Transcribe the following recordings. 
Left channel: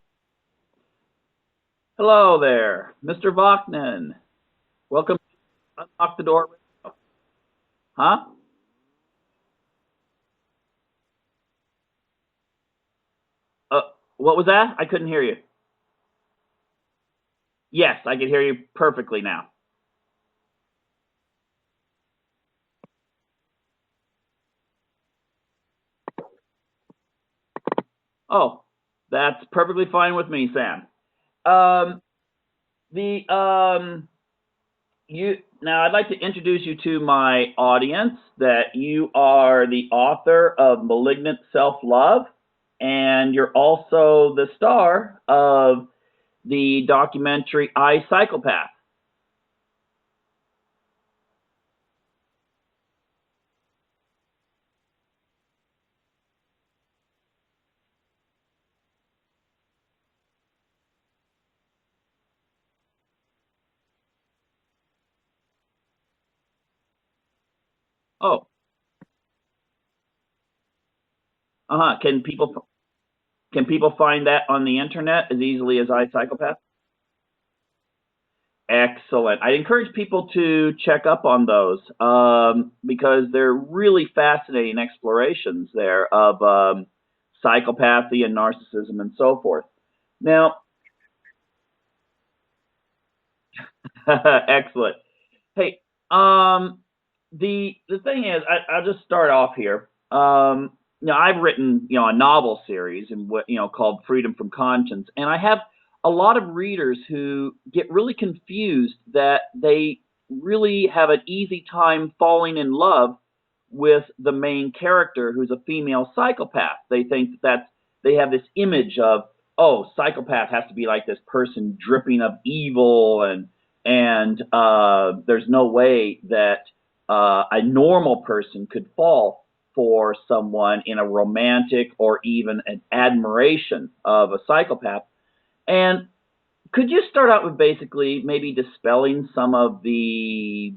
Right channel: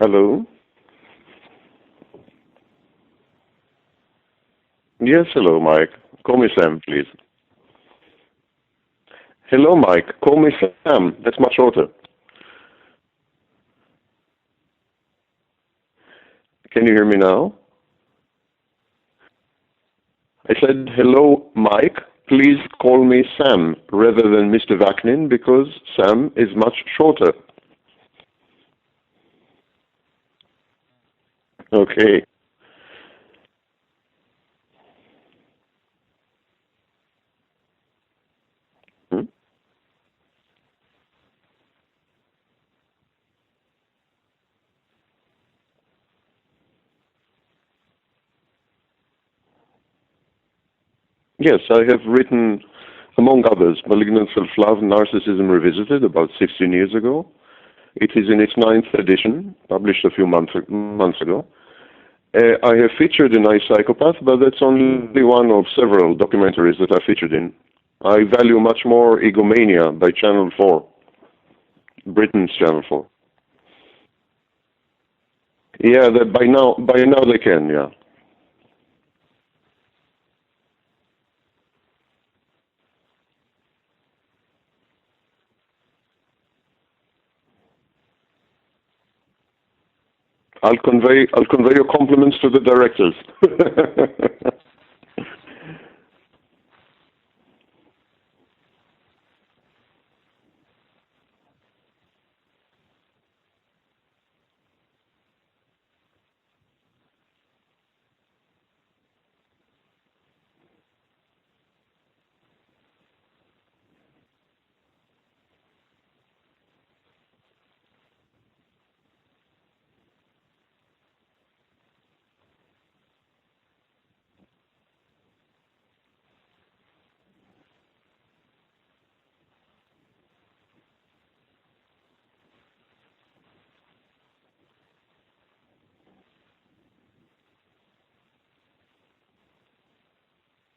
Hello. Hello there, Mr. Vaknin. Welcome. Yes, hello, Mike. Talk to Call me Door. Sam, please. Huh? Hello, Mike. Call me Sam. That's much shorter. Uh, what was that? I couldn't hear you. Can you hear me now? Yes, I can hear you perfectly now. I said, hello, Mike. Please call me Sam rather than Mr. Vaknin because Sam is much shorter. Oh, that's perfectly fine with me, Sam. Okay. Now I'd like to introduce you to my audience that you are the author of Malignant Self-Love, and you're also the star of the documentary I, Psychopath. Yes, I have written, among others, Malignant Self-Love, Narcissism Revisited about 16 years ago. It is in its 9th edition, published a few months ago. I have featured in I, Psychopath, but that's only one of several documentaries that I featured in. I value much more Egomania by Channel 4, Britain's Channel 4. Can people find that on the internet as easily as by now they can, yeah. Excellent. I encourage people to check up on those because they're really fascinating explorations there of psychopathy and narcissism and so forth. Now, I'll convey your compliments to the directors. Excellent. Hey, the thing is, I'll just start off here. I've written a novel series and called Freedom from Conscience, and I have a lot of readers who get really confused that they really have an easy time falling in love with the main character who's a female psychopath. They think they have this image of, oh, psychopath has to be like this person dripping of evil, and there's no way that a normal person could fall for someone in a romantic or even an admiration of a psychopath. And could you start out with basically maybe dispelling some of the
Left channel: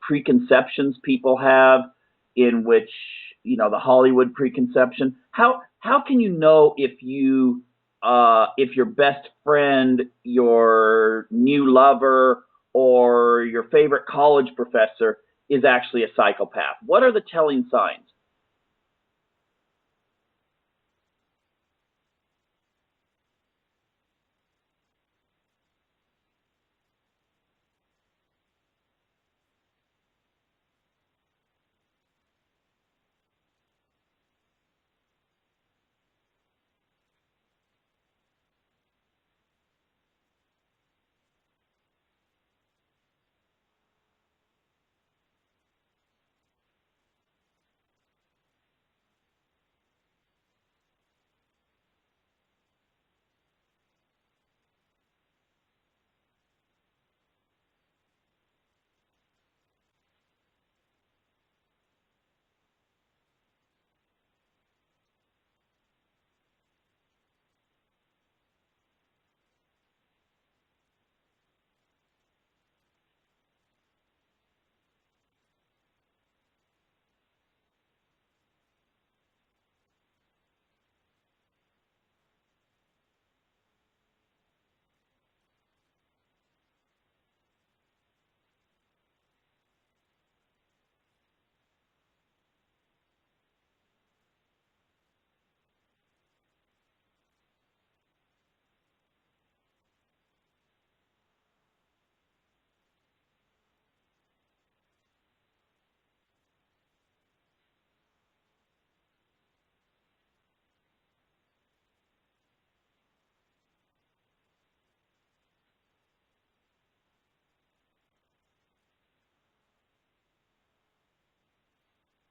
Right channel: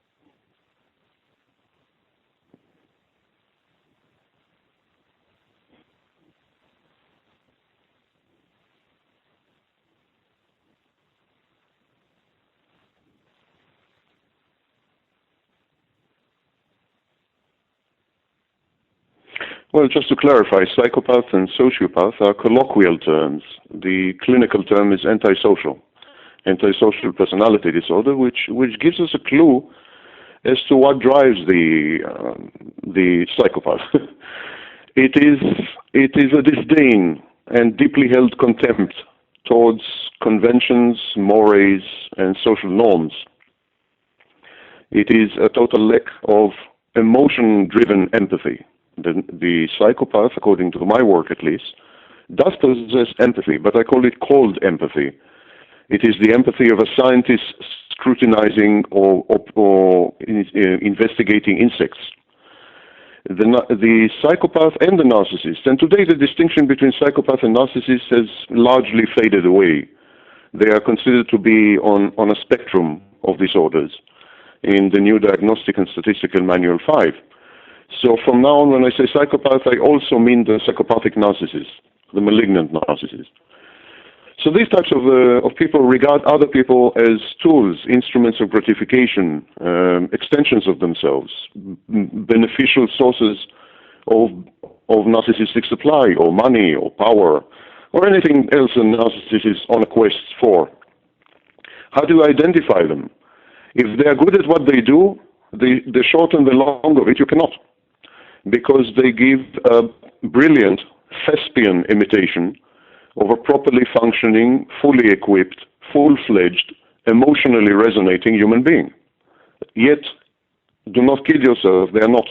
preconceptions people have in which, the Hollywood preconception? How can you know if your best friend, your new lover, or your favorite college professor is actually a psychopath? What are the telling signs? Well, just to clarify, psychopath and sociopath are colloquial terms. The clinical term is antisocial personality disorder, which gives us a clue as to what drives the psychopath. It is a disdain and deeply held contempt towards conventions, mores, and social norms. It is a total lack of emotion-driven empathy. The psychopath, according to my work at least, does possess empathy, but I call it cold empathy. It is the empathy of a scientist scrutinizing or investigating insects. The psychopath and the narcissist, and today the distinction between psychopath and narcissist has largely faded away. They are considered to be on a spectrum of disorders in the new Diagnostic and Statistical Manual 5. So from now on, when I say psychopath, I also mean the psychopathic narcissist, the malignant narcissist. So these types of people regard other people as tools, instruments of gratification, extensions of themselves, beneficial sources of narcissistic supply or money or power or anything else a narcissist is on a quest for. How do you identify them? If they are good at what they do, the short and the long of it, you cannot. Because they give a brilliant thespian imitation of a properly functioning, fully equipped, full-fledged, emotionally resonating human being. Yet, do not kid yourself, they are not.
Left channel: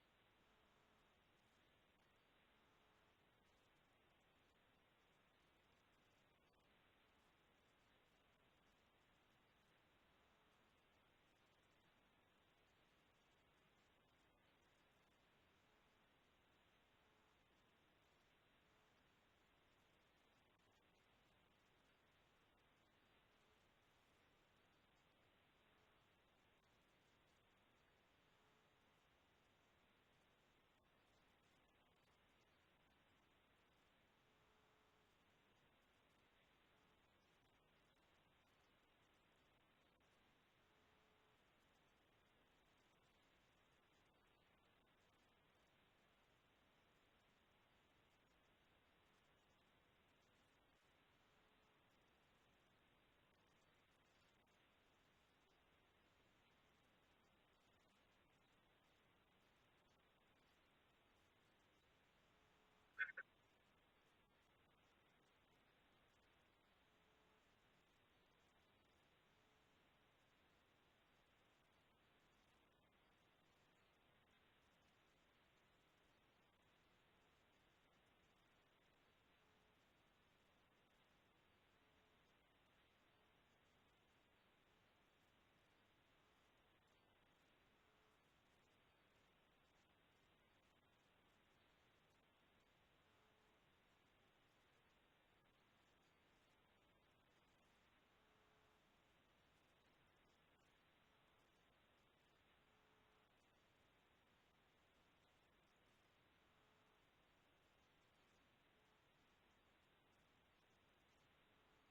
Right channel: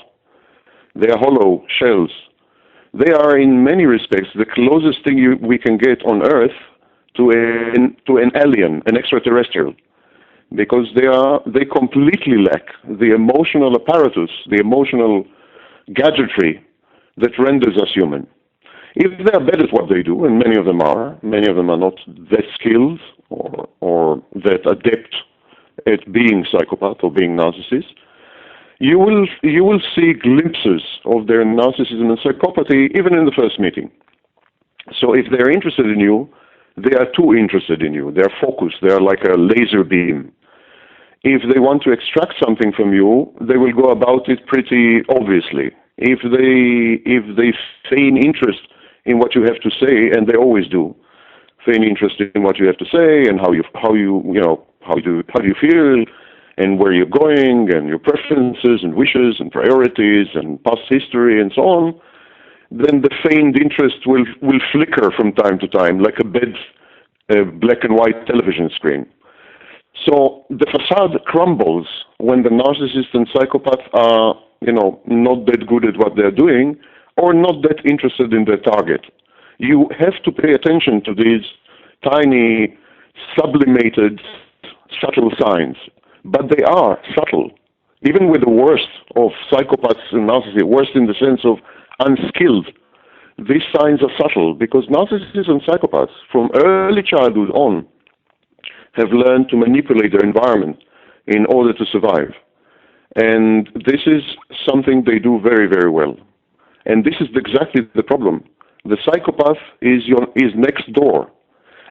They are hollow shells. They are, in many respects, the closest thing we can get on Earth to an alien, an extraterrestrial. Because they completely lack the emotional apparatus, the emotional gadgetry that renders us human. If they are bad at what they do, and many of them are not that skilled or that adept at being psychopath or being narcissist, you will see glimpses of their narcissism and psychopathy even in the first meeting. So if they're interested in you, they are too interested in you. They're focused. They're like a laser beam. If they want to extract something from you, they will go about it pretty obviously. If they feign interest in what you have to say, and they always do, feign interest in what you have to say and how you feel, and where you're going, and your preferences and wishes and priorities and past history and so on, then the feigned interest will flicker from time to time like a black and white television screen. So the facade crumbles when the narcissist and psychopath are, not that good at what they're doing or not that interested in their target. You have to pay attention to these tiny, sublimated, subtle signs. But they are subtle. Even with the worst of psychopaths and narcissists, worst in the sense of unskilled, these signs are subtle because narcissists and psychopaths from early childhood on have learned to manipulate their environment in order to survive. And this is something they do very, very well. And this is exactly the problem. The psychopath is next door.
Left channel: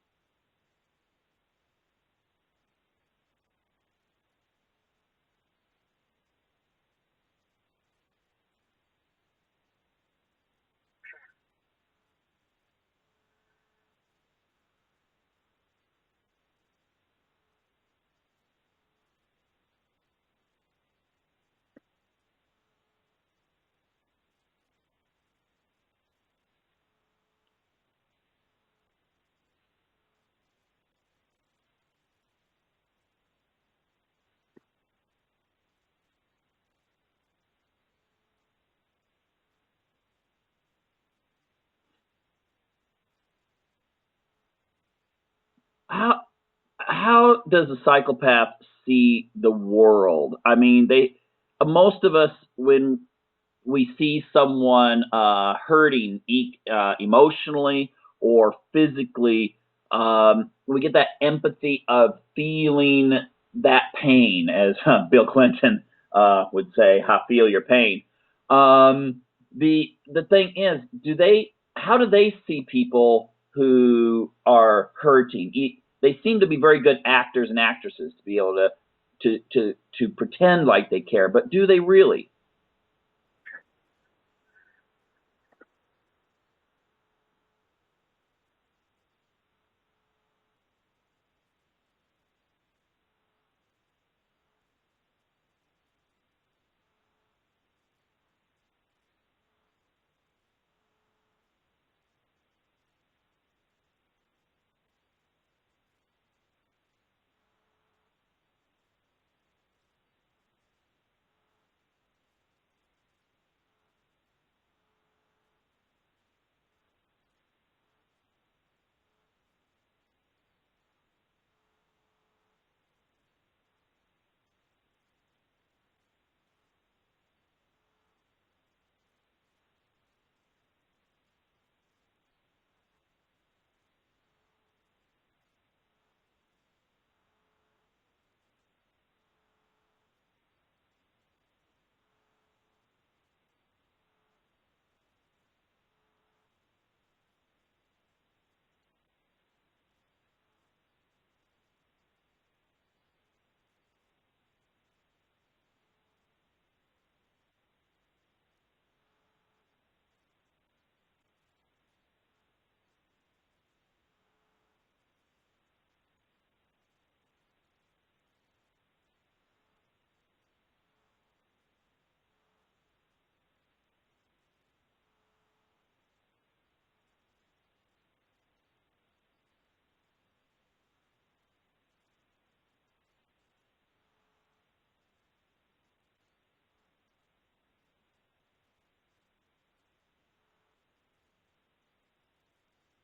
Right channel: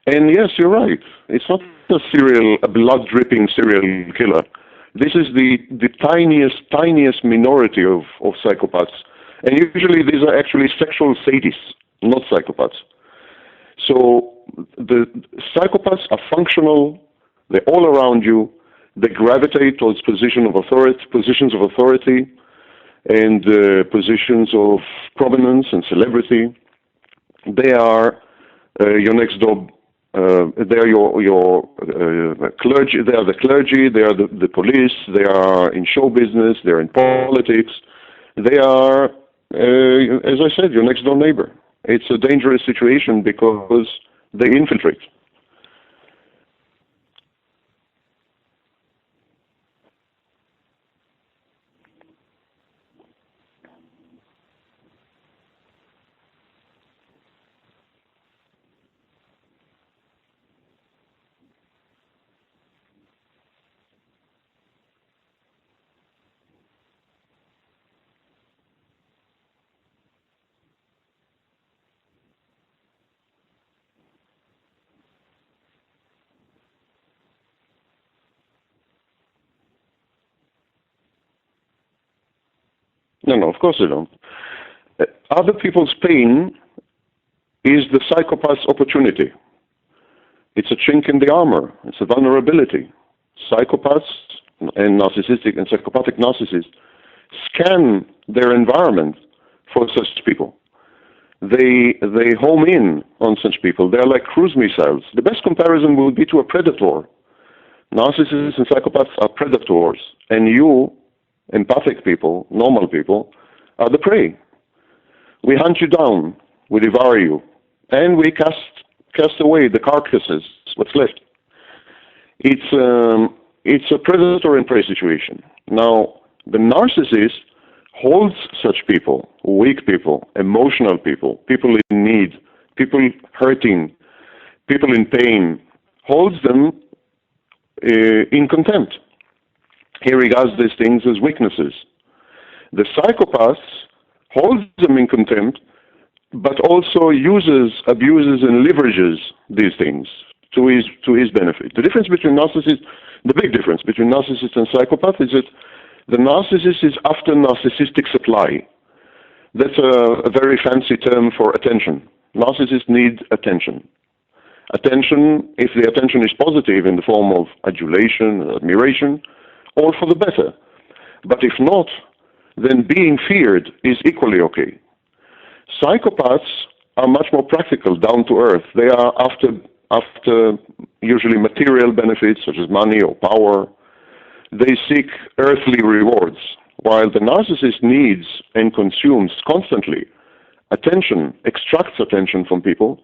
And yes, you're right. It's not a blood-dripping serial killer. This is the tiniest minority of psychopaths. And usually these are actually sexual sadists, not psychopaths. So the psychopaths are functional. They're all around you. They gravitate towards positions of authority, and positions of prominence and celebrity. They are your next door. They are your clergy. They are the clergy. They are the police. They are in show business. They are in politics. They are, as I said, your next door neighbor. It's a dangerous situation because they infiltrate. How does a psychopath see the world? I mean, most of us, when we see someone hurting emotionally or physically, we get that empathy of feeling that pain, as Bill Clinton would say, "I feel your pain." The thing is, how do they see people who are hurting? They seem to be very good actors and actresses to be able to pretend like they care, but do they really? No, of course they don't. Other people's pain is the psychopath's opportunity. It's a chink in the armor. It's a vulnerability. Psychopaths and narcissistic and psychopathic narcissists scan their environment for such people. They home in on such people. They're like cruise missiles. The best comparison would be to a predator. Narcissists and psychopaths are predators, and you, empathic people, normal people, are the prey. We hunt you down, we devour you, and we cast away the carcasses, what's left. It's a predator and prey situation. Now, the narcissist holds such people, weak people, emotional people, people in need, people hurting, people in pain, holds them in contempt. He regards these things as weaknesses. The psychopath holds them in contempt, but also uses, abuses, and leverages these things to his benefit. The big difference between narcissist and psychopath is that the narcissist is after narcissistic supply. That's a very fancy term for attention. Narcissists need attention. Attention, if the attention is positive in the form of adulation, admiration, all for the better. But if not, then being feared is equally okay. Psychopaths are much more practical, down to earth. They are after usually material benefits such as money or power. They seek earthly rewards, while the narcissist needs and consumes constantly attention, extracts attention from people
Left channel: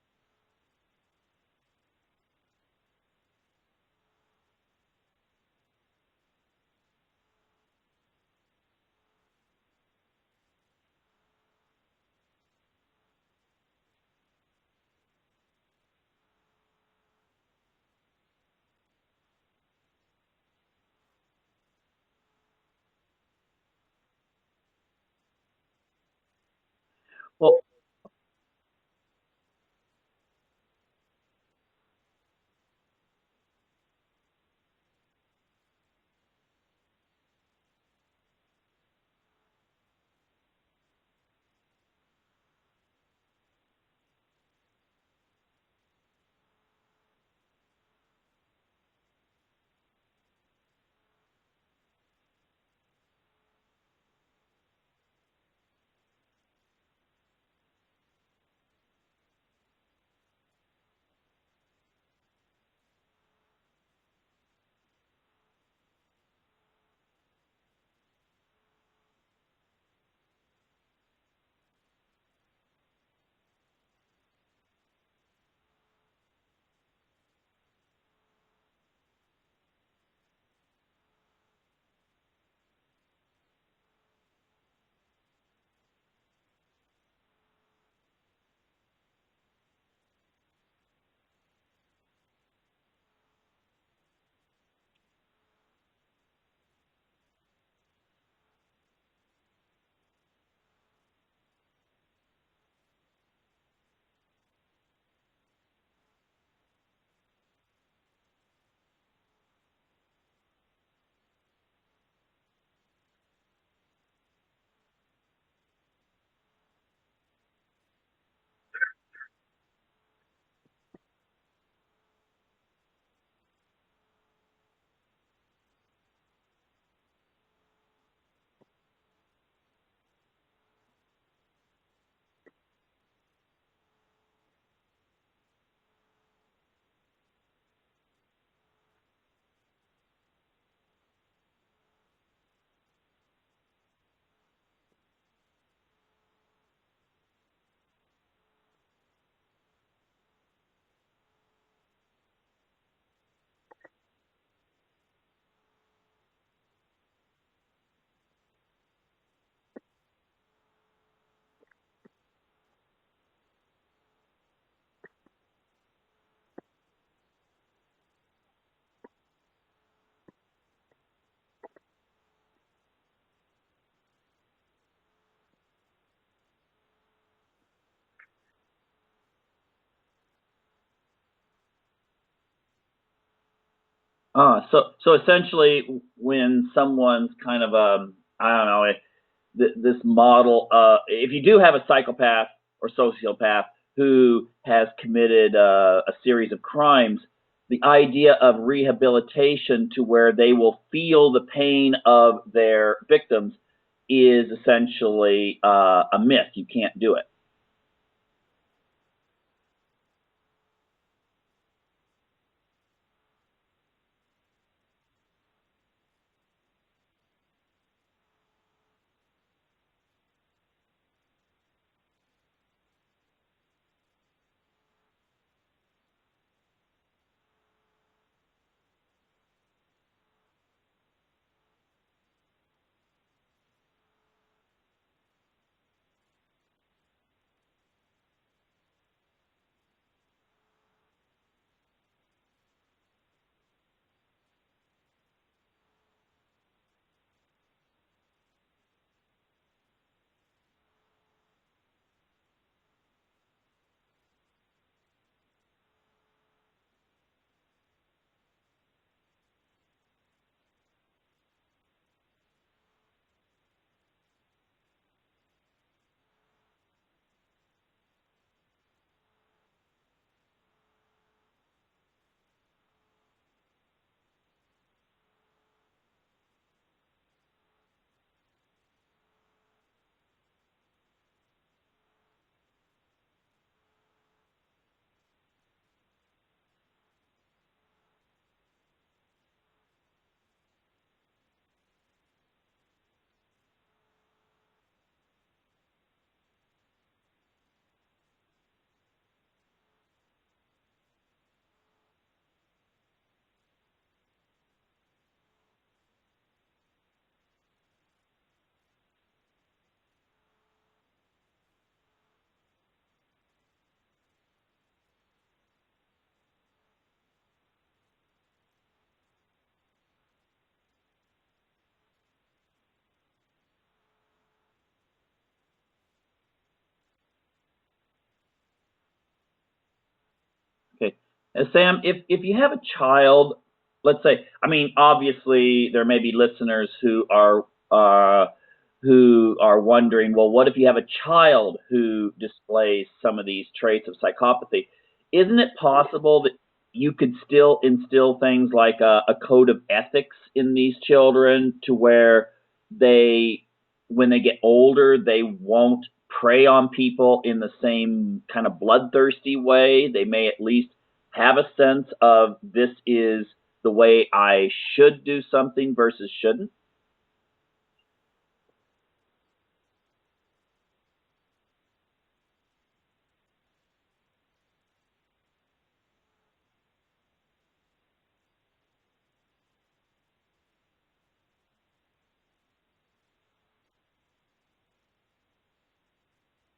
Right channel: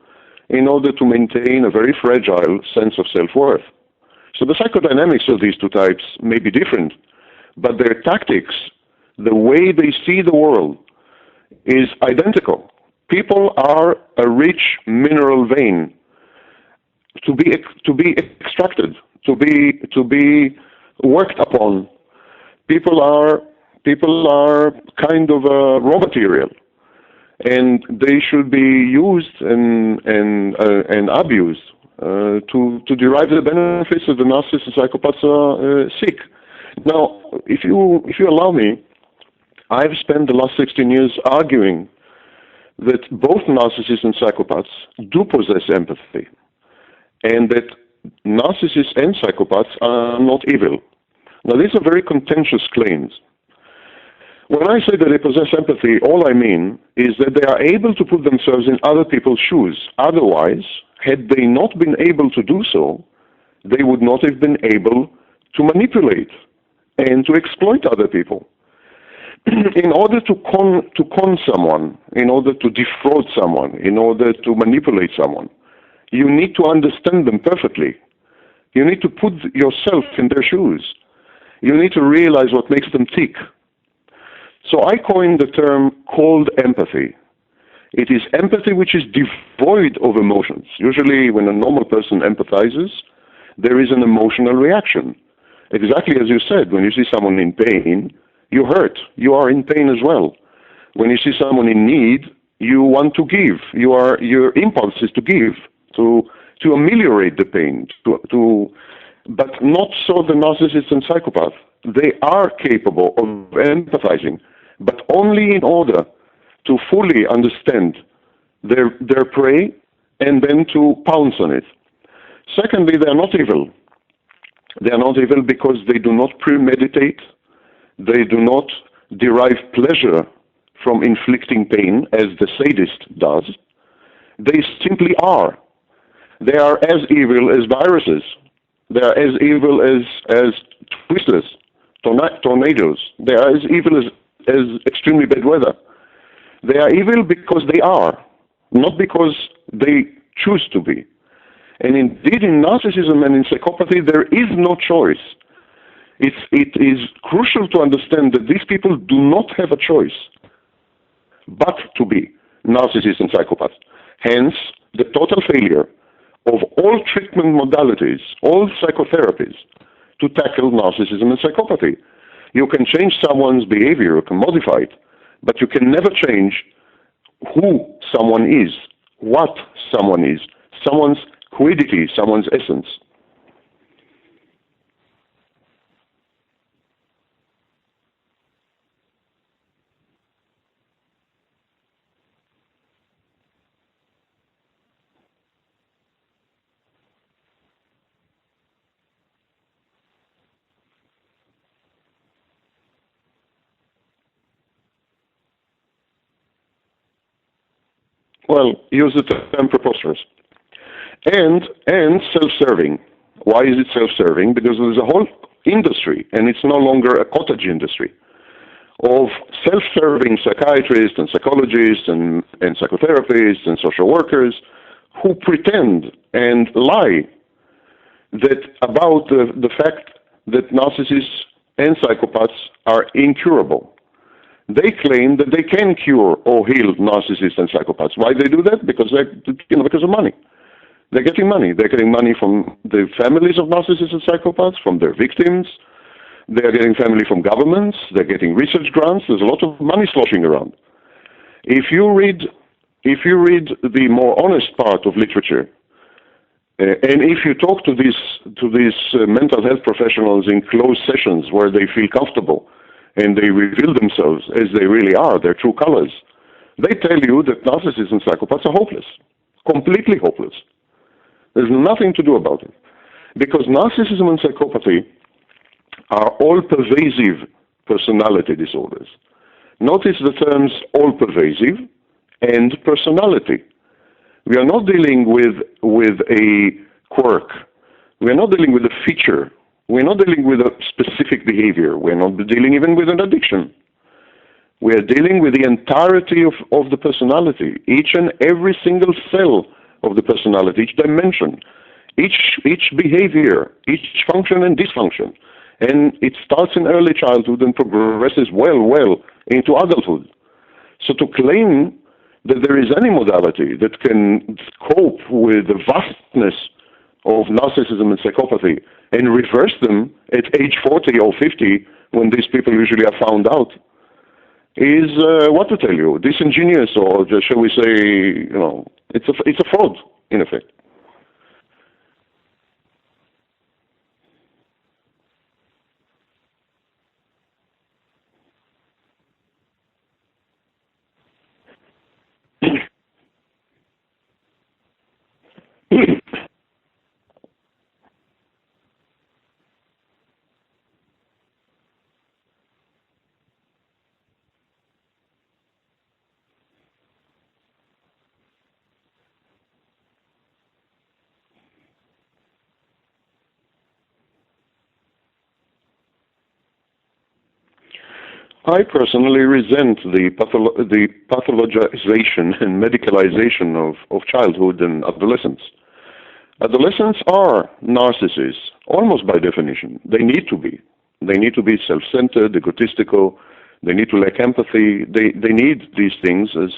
in order to maintain a very fragile sense of self-worth. So the psychodynamics of these two types may be different, but their tactics, the way they see the world, is identical. People are a rich mineral vein to be extracted, to be worked upon. People are kind of raw material, and they should be used and abused to derive the benefits that the narcissists and psychopaths seek. Now, if you allow me, I've spent the last 16 years arguing that both narcissists and psychopaths do possess empathy, and that narcissists and psychopaths are not evil. Now, these are very contentious claims. When I say that they possess empathy, all I mean is that they are able to put themselves in other people's shoes. Otherwise, had they not been able to do so, they would not have been able to manipulate and to exploit other people. In order to con someone, in order to defraud someone, in order to manipulate someone, you need to understand them perfectly. You need to put yourself in their shoes. You need to realize what makes them tick. So I coined the term cold empathy. It is empathy which is devoid of emotions. Usually when a normal person empathizes, there is an emotional reaction. Exactly as you said, when you see someone in pain, you hurt. You are in pain as well. When you see someone in need, you want to give. Your impulse is to give, to ameliorate the pain, but not so the narcissist and psychopath. They are capable of empathizing, but only in order to fully understand their prey and then to pounce on it. Secondly, they are not evil. They are not evil because they do not premeditate. They do not derive pleasure from inflicting pain as the sadist does. They simply are. They are as evil as viruses. They are as evil as twisters, tornadoes. They are as evil as extremely bad weather. They are evil because they are, not because they choose to be. And indeed, in narcissism and in psychopathy, there is no choice. It is crucial to understand that these people do not have a choice but to be narcissists and psychopaths. Hence, the total failure of all treatment modalities, all psychotherapies, to tackle narcissism and psychopathy. You can change someone's behavior, you can modify it, but you can never change who someone is, what someone is, someone's quiddity, someone's essence. So essentially, when someone's kind of this model, if you do have a psychopath or sociopath who has committed a series of crimes, the idea of rehabilitation to where they will feel the pain of their victims is essentially a myth. You can't do it. Well, use the term preposterous. And self-serving. Why is it self-serving? Because there's a whole industry, and it's no longer a cottage industry, of self-serving psychiatrists and psychologists and psychotherapists and social workers who pretend and lie about the fact that narcissists and psychopaths are incurable. They claim that they can cure or heal narcissists and psychopaths. Why they do that? Because because of money. They're getting money. They're getting money from the families of narcissists and psychopaths, from their victims. They're getting family from governments. They're getting research grants. There's a lot of money sloshing around. If you read the more honest part of literature, and if you talk to these mental health professionals in closed sessions where they feel comfortable and they reveal themselves as they really are, their true colors, they tell you that narcissists and psychopaths are hopeless, completely hopeless. There's nothing to do about it. Because narcissism and psychopathy are all-pervasive personality disorders. Notice the terms all-pervasive and personality. We are not dealing with a quirk. We are not dealing with a feature. We're not dealing with a specific behavior. We're not dealing even with an addiction. We are dealing with the entirety of the personality, each and every single cell of the personality, each dimension, each behavior, each function and dysfunction. And it starts in early childhood and progresses well into adulthood. So to claim that there is any modality that can cope with the vastness of narcissism and psychopathy and reverse them at age 40 or 50, when these people usually are found out, is, what to tell you, disingenuous, or just, shall we say, it's a fraud, in effect. Okay. Sam, if you have a child, let's say, I mean, obviously there may be listeners who are wondering, well, what if you have a child who displays some of these traits of psychopathy? Isn't it possible that you could still instill things like a code of ethics in these children to where when they get older, they won't prey on people in the same kind of bloodthirsty way? They may at least have a sense of, this is the way I should do something versus shouldn't? I personally resent the pathologization and medicalization of childhood and adolescence. Adolescents are narcissists, almost by definition. They need to be. They need to be self-centered, egotistical. They need to lack empathy. They need these things as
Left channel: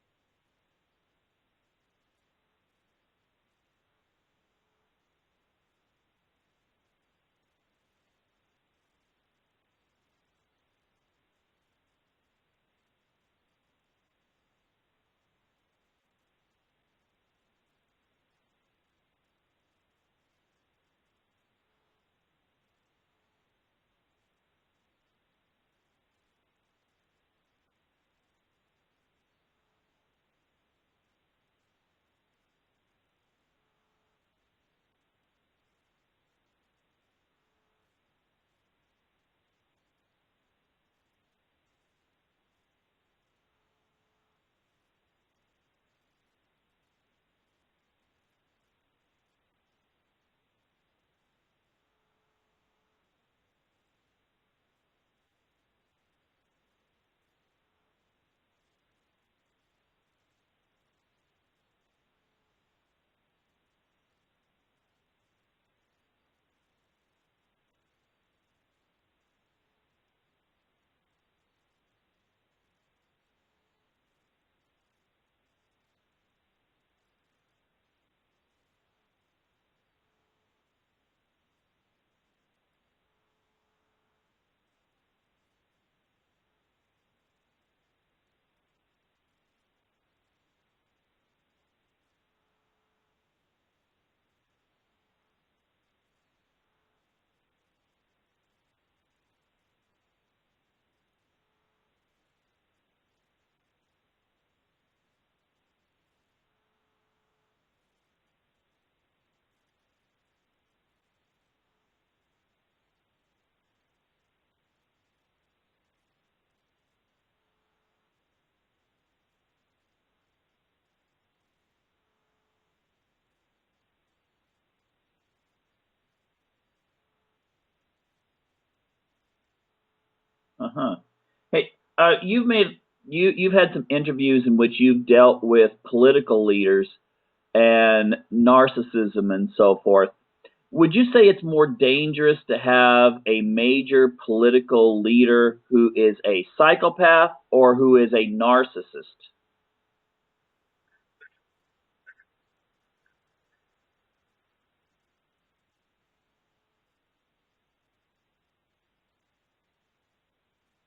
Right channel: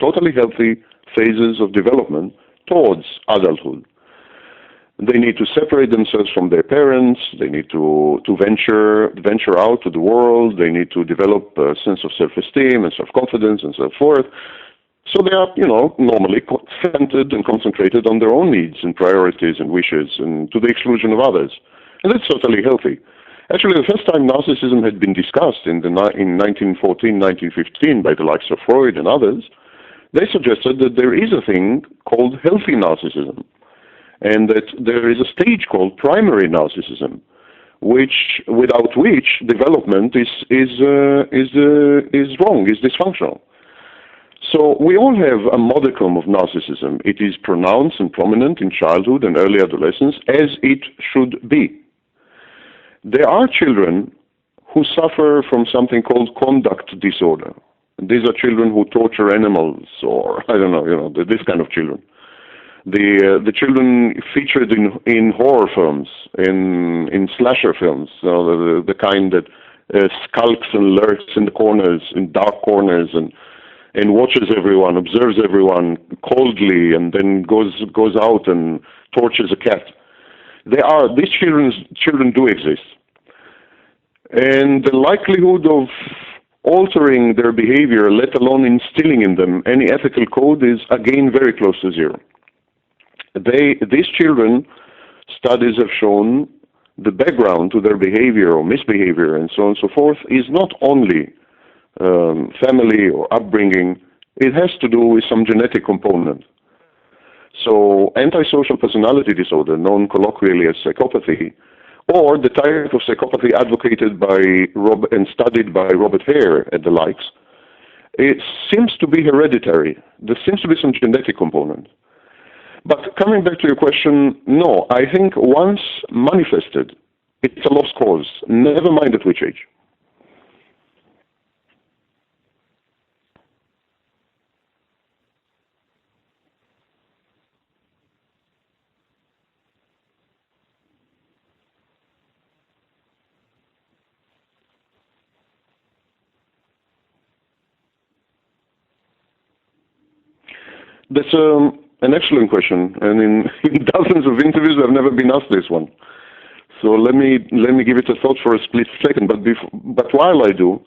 totally healthy phases of development towards adulthood. They need to separate themselves from their parents. They need to venture out to the world. They need to develop a sense of self-esteem and self-confidence and so forth. So they are, normally centered and concentrated on their own needs and priorities and wishes, and to the exclusion of others. And that's totally healthy. Actually, the first time narcissism had been discussed in 1914, 1915 by the likes of Freud and others, they suggested that there is a thing called healthy narcissism, and that there is a stage called primary narcissism, without which development is wrong, is dysfunctional. So we all have a modicum of narcissism. It is pronounced and prominent in childhood and early adolescence, as it should be. There are children who suffer from something called conduct disorder. These are children who torture animals, or I don't know, this kind of children. The children featured in horror films, in slasher films, the kind that skulks and lurks in the corners, in dark corners, and watches everyone, observes everyone coldly, and then goes out and tortures a cat. These children do exist, and the likelihood of altering their behavior, let alone instilling in them any ethical code, is again very close to zero. These children, studies have shown, the background to their behavior or misbehavior and so on and so forth is not only family or upbringing. It has to do with some genetic component. So antisocial personality disorder, known colloquially as psychopathy, or the type of psychopathy advocated by and studied by Robert Hare and the likes, it seems to be hereditary. There seems to be some genetic component. But coming back to your question, no, I think once manifested, it's a lost cause, never mind at which age. Uh-huh. Hey, you've had some interviews in which you've dealt with political leaders and narcissism and so forth. Would you say it's more dangerous to have a major political leader who is a psychopath or who is a narcissist? That's an excellent question, and in dozens of interviews I've never been asked this one. So let me give it a thought for a split second. But while I do,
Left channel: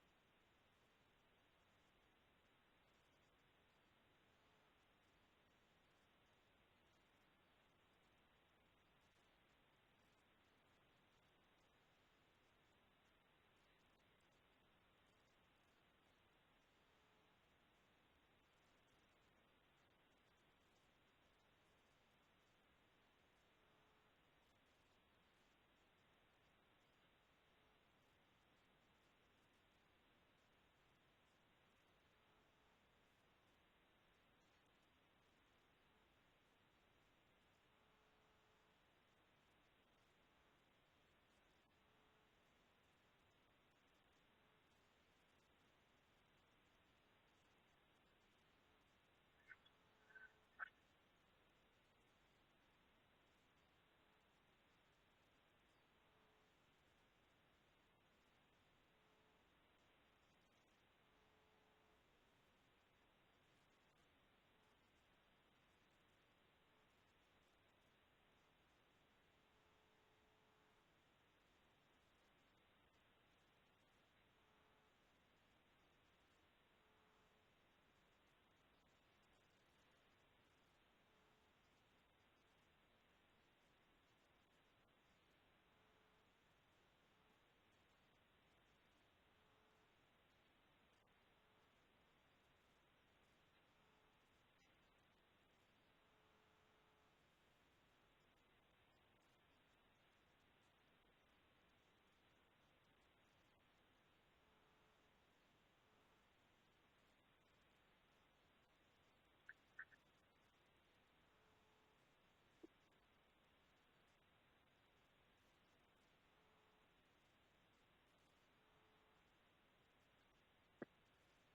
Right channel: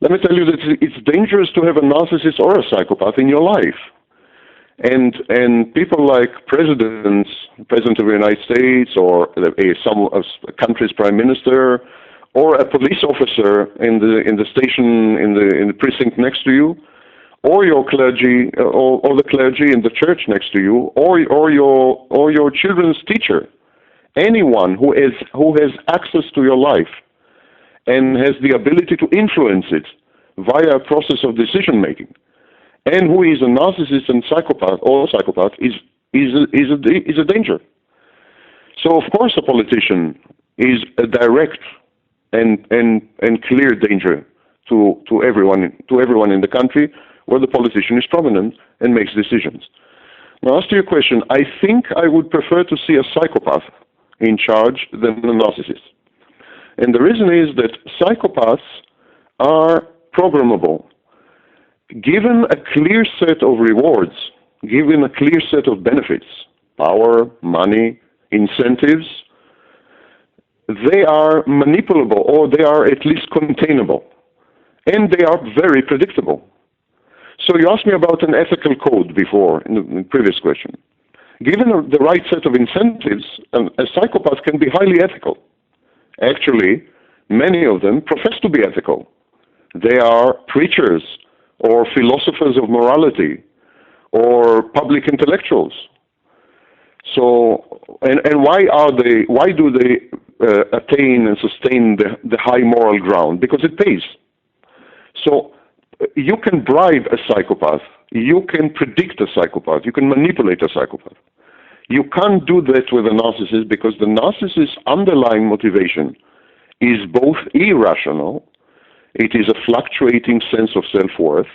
let me tell you that it's dangerous to have a narcissist or a psychopath in your life. And people like President of the United States, or a country's prime minister, or a police officer in the station in the precinct next to you, or your clergy, or the clergy in the church next to you, or your children's teacher, anyone who has access to your life and has the ability to influence it via a process of decision making, and who is a narcissist and psychopath is a danger. So of course a politician is a direct and clear danger to everyone in the country where the politician is prominent and makes decisions. Now, as to your question, I think I would prefer to see a psychopath in charge than a narcissist. And the reason is that psychopaths are programmable. Given a clear set of rewards, given a clear set of benefits, power, money, incentives, they are manipulable, or they are at least containable. and they are very predictable. So you asked me about an ethical code before in the previous question. Given the right set of incentives, a psychopath can be highly ethical. Actually, many of them profess to be ethical. They are preachers or philosophers of morality or public intellectuals. So, and why do they attain and sustain the high moral ground? Because it pays. So you can bribe a psychopath, you can predict a psychopath, you can manipulate a psychopath. You can't do that with a narcissist because the narcissist's underlying motivation is both irrational, it is a fluctuating sense of self-worth,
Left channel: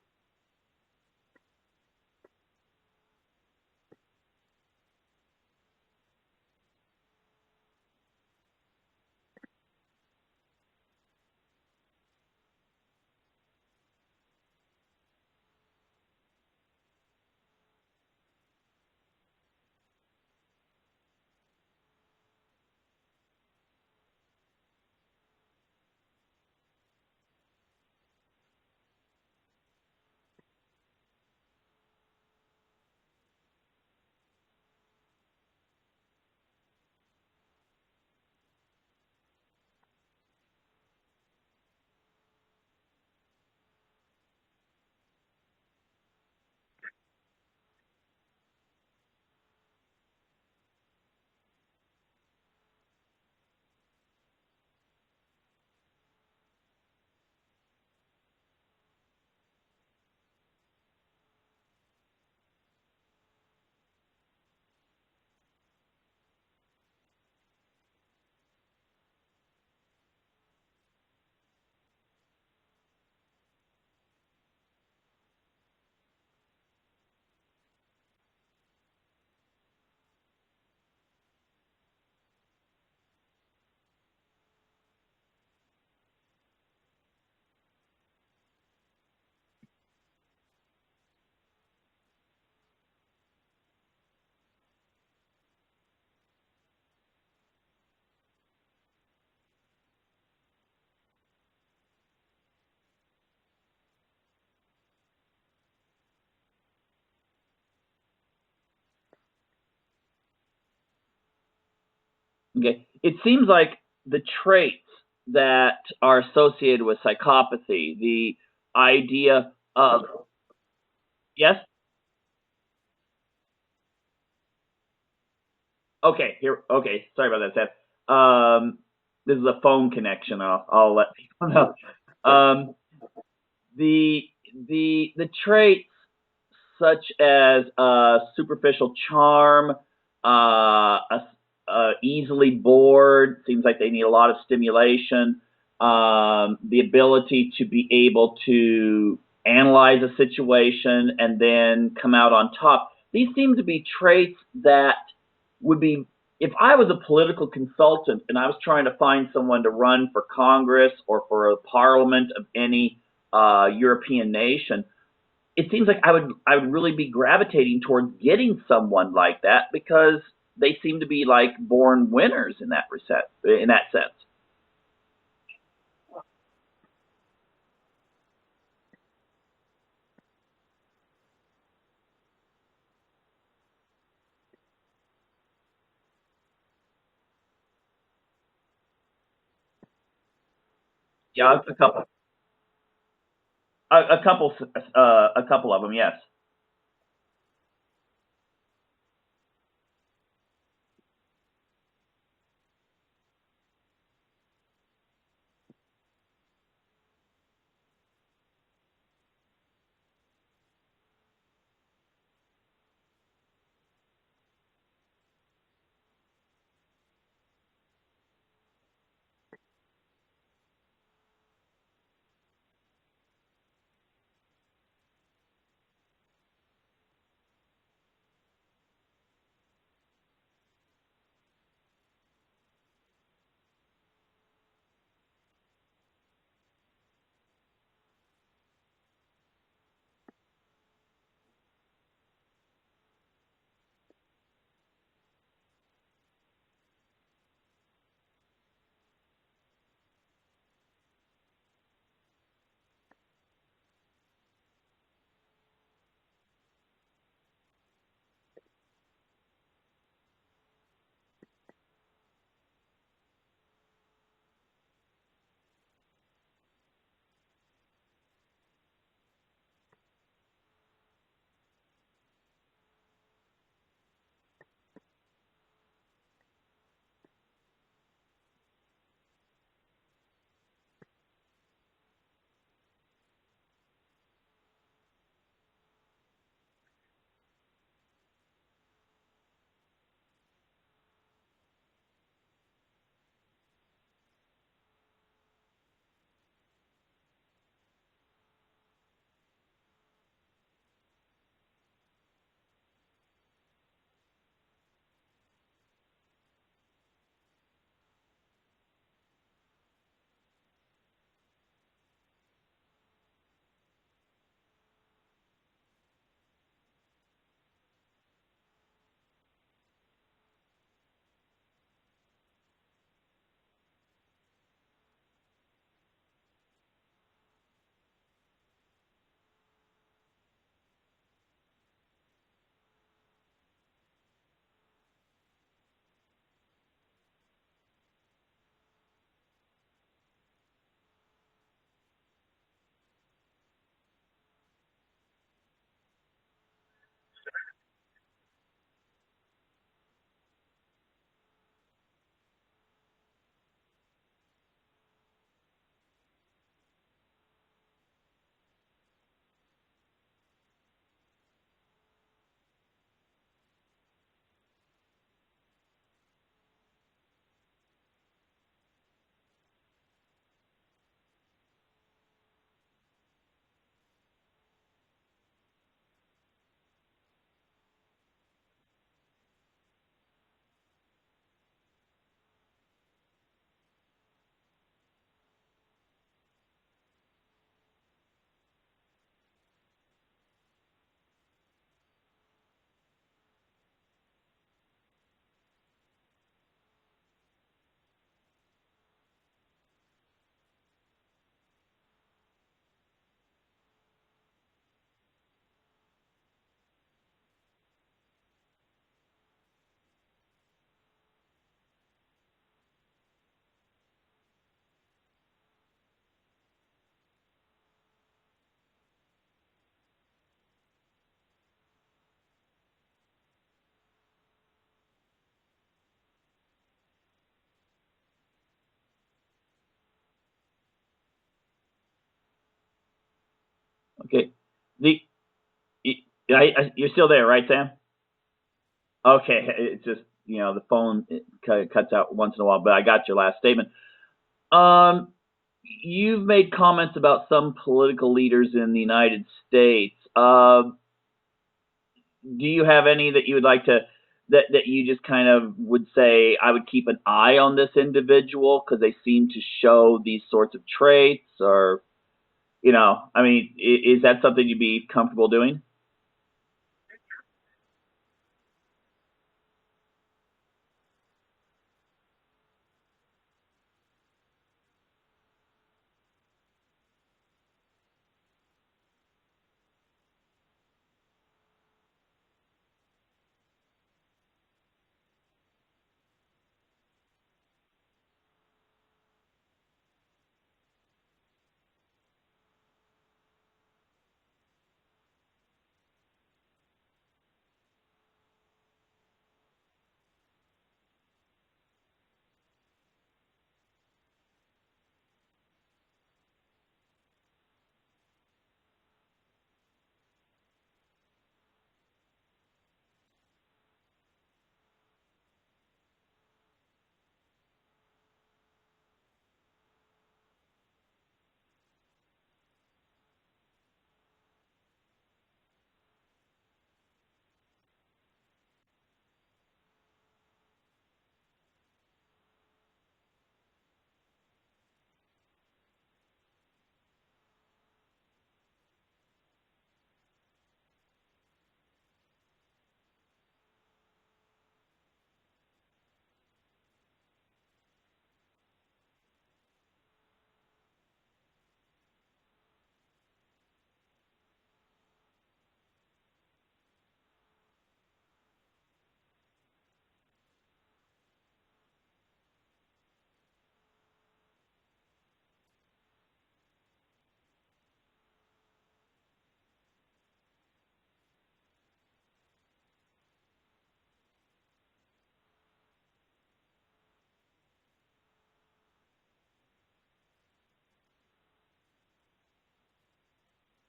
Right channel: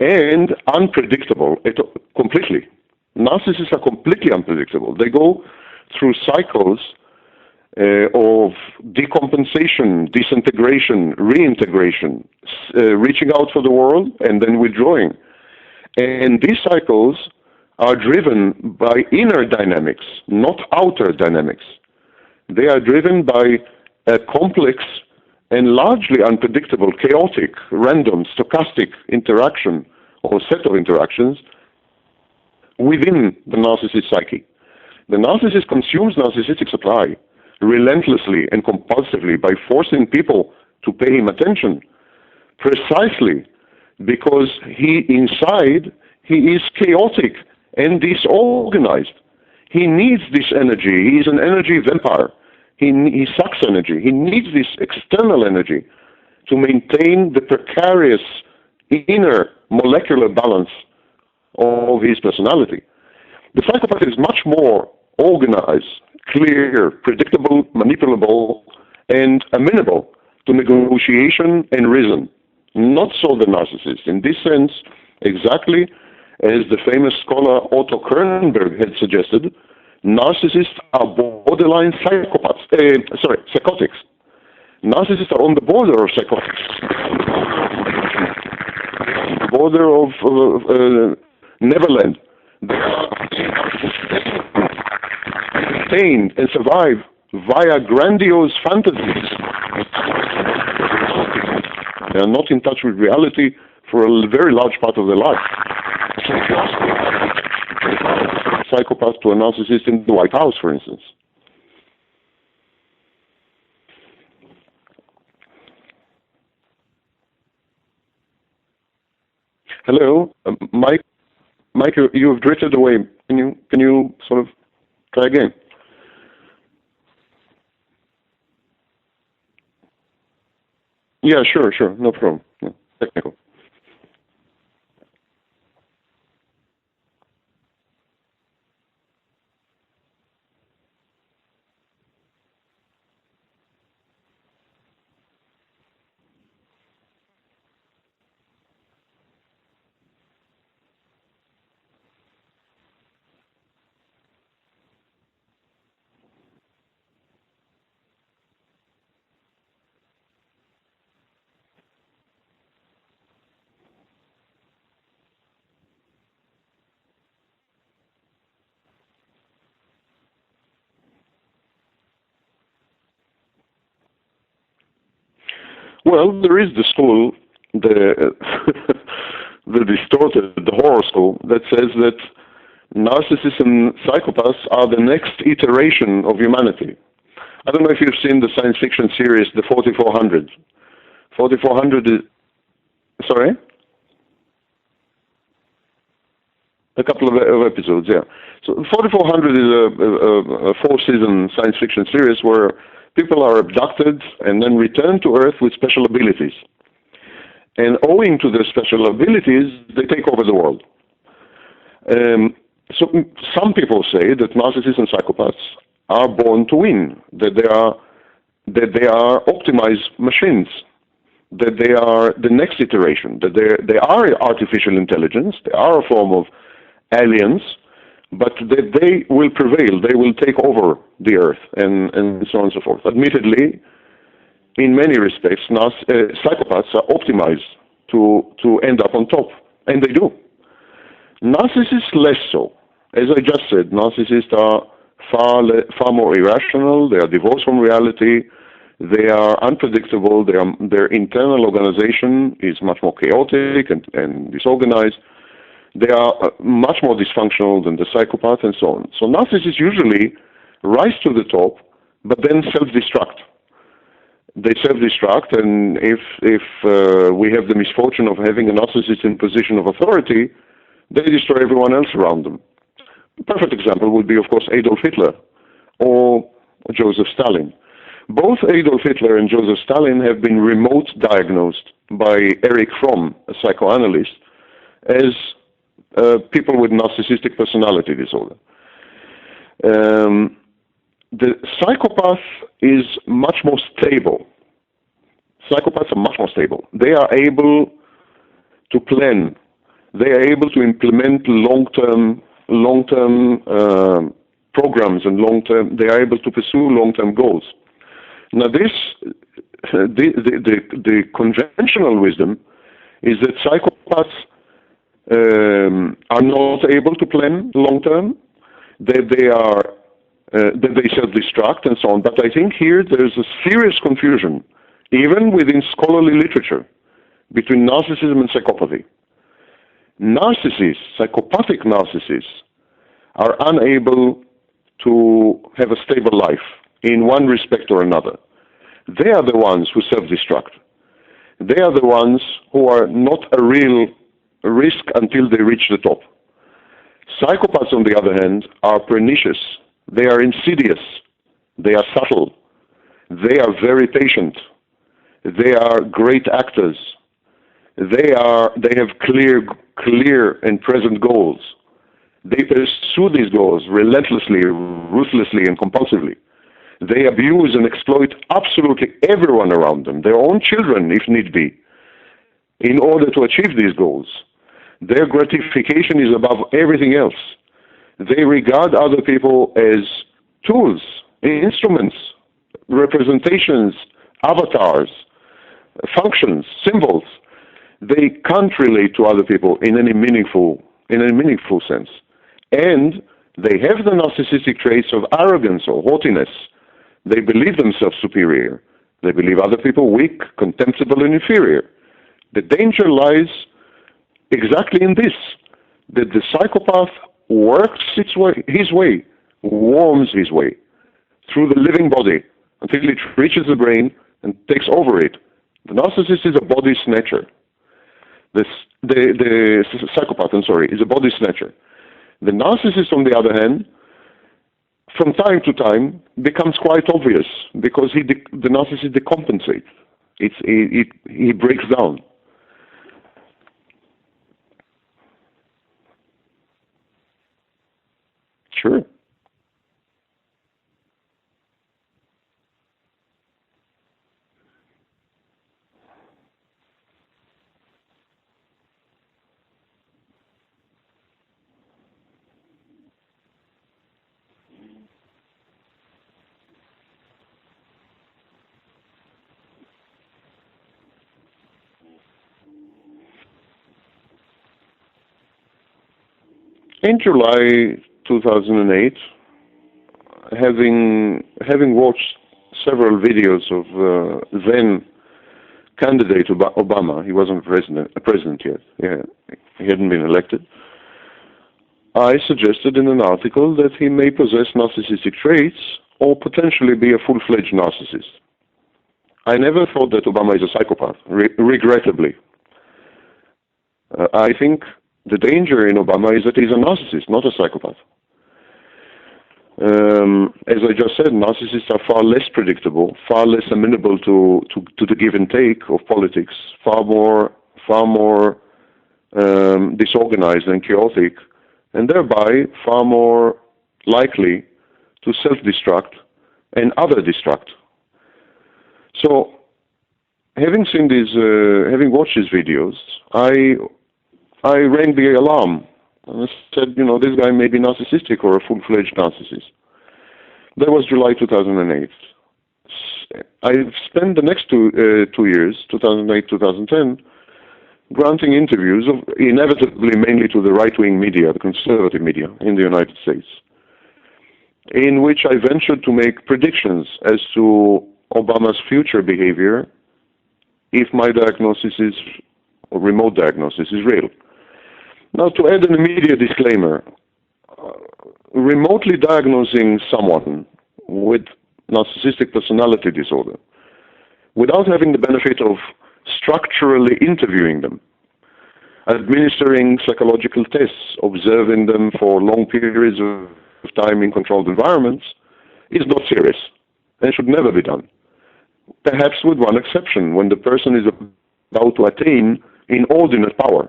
and unpredictable completely. Narcissists are completely unpredictable. They go through cycles of decompensation, disintegration, reintegration, reaching out for the world, and then withdrawing. And these cycles are driven by inner dynamics, not outer dynamics. They are driven by a complex and largely unpredictable, chaotic, random, stochastic interaction or set of interactions within the narcissist psyche. The narcissist consumes narcissistic supply relentlessly and compulsively by forcing people to pay him attention, precisely because inside he is chaotic and disorganized. He needs this energy. He is an energy vampire. He sucks energy. He needs this external energy to maintain the precarious inner molecular balance of his personality. The psychopath is much more organized, clear, predictable, manipulable, and amenable to negotiation and reason. Not so the narcissist. In this sense, exactly as the famous scholar Otto Kernberg had suggested, narcissists are borderline psychotics. Narcissists are on the border of psychotics. Border of Neverland. They are maintained and survive via grandiose fantasies. They are not in touch with reality for a very large part of their life. Psychopath to a narcissist in the White House, for instance. Okay. It seems like the traits that are associated with psychopathy, the idea of... Hello, Mike? Yes? Mike, you have drifted away. Can you sort of try again? Okay, okay. Sorry about that, Seth. This is a phone connection. I'll let you Yeah, know. sure. No problem. Technical. The traits such as superficial charm, easily bored, seems like they need a lot of stimulation, the ability to be able to analyze a situation and then come out on top. These seem to be traits that would be, if I was a political consultant and I was trying to find someone to run for Congress or for a parliament of any European nation, it seems like I would really be gravitating towards getting someone like that because they seem to be like born winners in that sense. Well, there is the school, the distorted, the horror school that says that narcissists and psychopaths are the next iteration of humanity. I don't know if you've seen the science fiction series, The 4400. 4400 is... Sorry? A couple of them, yes. A couple of episodes, yeah. So 4400 is a four-season science fiction series where people are abducted and then returned to Earth with special abilities. And owing to their special abilities, they take over the world. So some people say that narcissists and psychopaths are born to win, that they are optimized machines, that they are the next iteration, that they are artificial intelligence, they are a form of aliens, but that they will prevail, they will take over the earth, and so on and so forth. Admittedly, in many respects, psychopaths are optimized to end up on top, and they do. Narcissists less so. As I just said, narcissists are far more irrational, they are divorced from reality, They are unpredictable. Their internal organization is much more chaotic and disorganized. They are much more dysfunctional than the psychopath and so on. So narcissists usually rise to the top, but then self-destruct. They self-destruct, and if we have the misfortune of having a narcissist in position of authority, they destroy everyone else around them. A perfect example would be, of course, Adolf Hitler or Joseph Stalin. Both Adolf Hitler and Joseph Stalin have been remote diagnosed by Erich Fromm, a psychoanalyst, as people with narcissistic personality disorder. The psychopath is much more stable. Psychopaths are much more stable. They are able to plan. They are able to implement long-term programs and they are able to pursue long-term goals. Now the conventional wisdom is that psychopaths are not able to plan long-term, that they self-destruct and so on. But I think here there's a serious confusion, even within scholarly literature, between narcissism and psychopathy. Narcissists, psychopathic narcissists, are unable to have a stable life in one respect or another. They are the ones who self-destruct. They are the ones who are not a real risk until they reach the top. Psychopaths, on the other hand, are pernicious. They are insidious. They are subtle. They are very patient. They are great actors. They have clear and present goals. They pursue these goals relentlessly, ruthlessly, and compulsively. They abuse and exploit absolutely everyone around them, their own children, if need be, in order to achieve these goals. Their gratification is above everything else. They regard other people as tools, instruments, representations, avatars, functions, symbols. They can't relate to other people in any meaningful sense. And they have the narcissistic traits of arrogance or haughtiness. They believe themselves superior. They believe other people weak, contemptible, and inferior. The danger lies exactly in this, that the psychopath works his way, worms his way through the living body until it reaches the brain and takes over it. The narcissist is a body snatcher. The psychopath, is a body snatcher. The narcissist, on the other hand, from time to time, becomes quite obvious because the narcissist decompensates. He breaks down. Okay. You're still there, right, Sam? Sure. Okay. It's just, the phone cuts out once in a while, but I got your last statement. You've made comments about some political leaders in the United States. Do you have any that you would like to, that you just kind of would say, I would keep an eye on this individual because they seem to show these sorts of traits, or, is that something you'd be comfortable doing? In July 2008, having watched several videos of then candidate Obama, he wasn't a president yet, he hadn't been elected, I suggested in an article that he may possess narcissistic traits or potentially be a full-fledged narcissist. I never thought that Obama is a psychopath, regrettably. I think the danger in Obama is that he's a narcissist, not a psychopath. As I just said, narcissists are far less predictable, far less amenable to the give and take of politics, far more disorganized and chaotic, and thereby far more likely to self-destruct and other-destruct. So, having watched these videos, I rang the alarm. And I said, this guy may be narcissistic or a full-fledged narcissist. That was July 2008. I spent the next two years, 2008, 2010, granting interviews, inevitably mainly to the right-wing media, the conservative media in the United States, in which I ventured to make predictions as to Obama's future behavior if my diagnosis is, or remote diagnosis is real. Now, to add an immediate disclaimer, remotely diagnosing someone with narcissistic personality disorder without having the benefit of structurally interviewing them, administering psychological tests, observing them for long periods of time in controlled environments, is not serious and should never be done. Perhaps with one exception, when the person is about to attain inordinate power.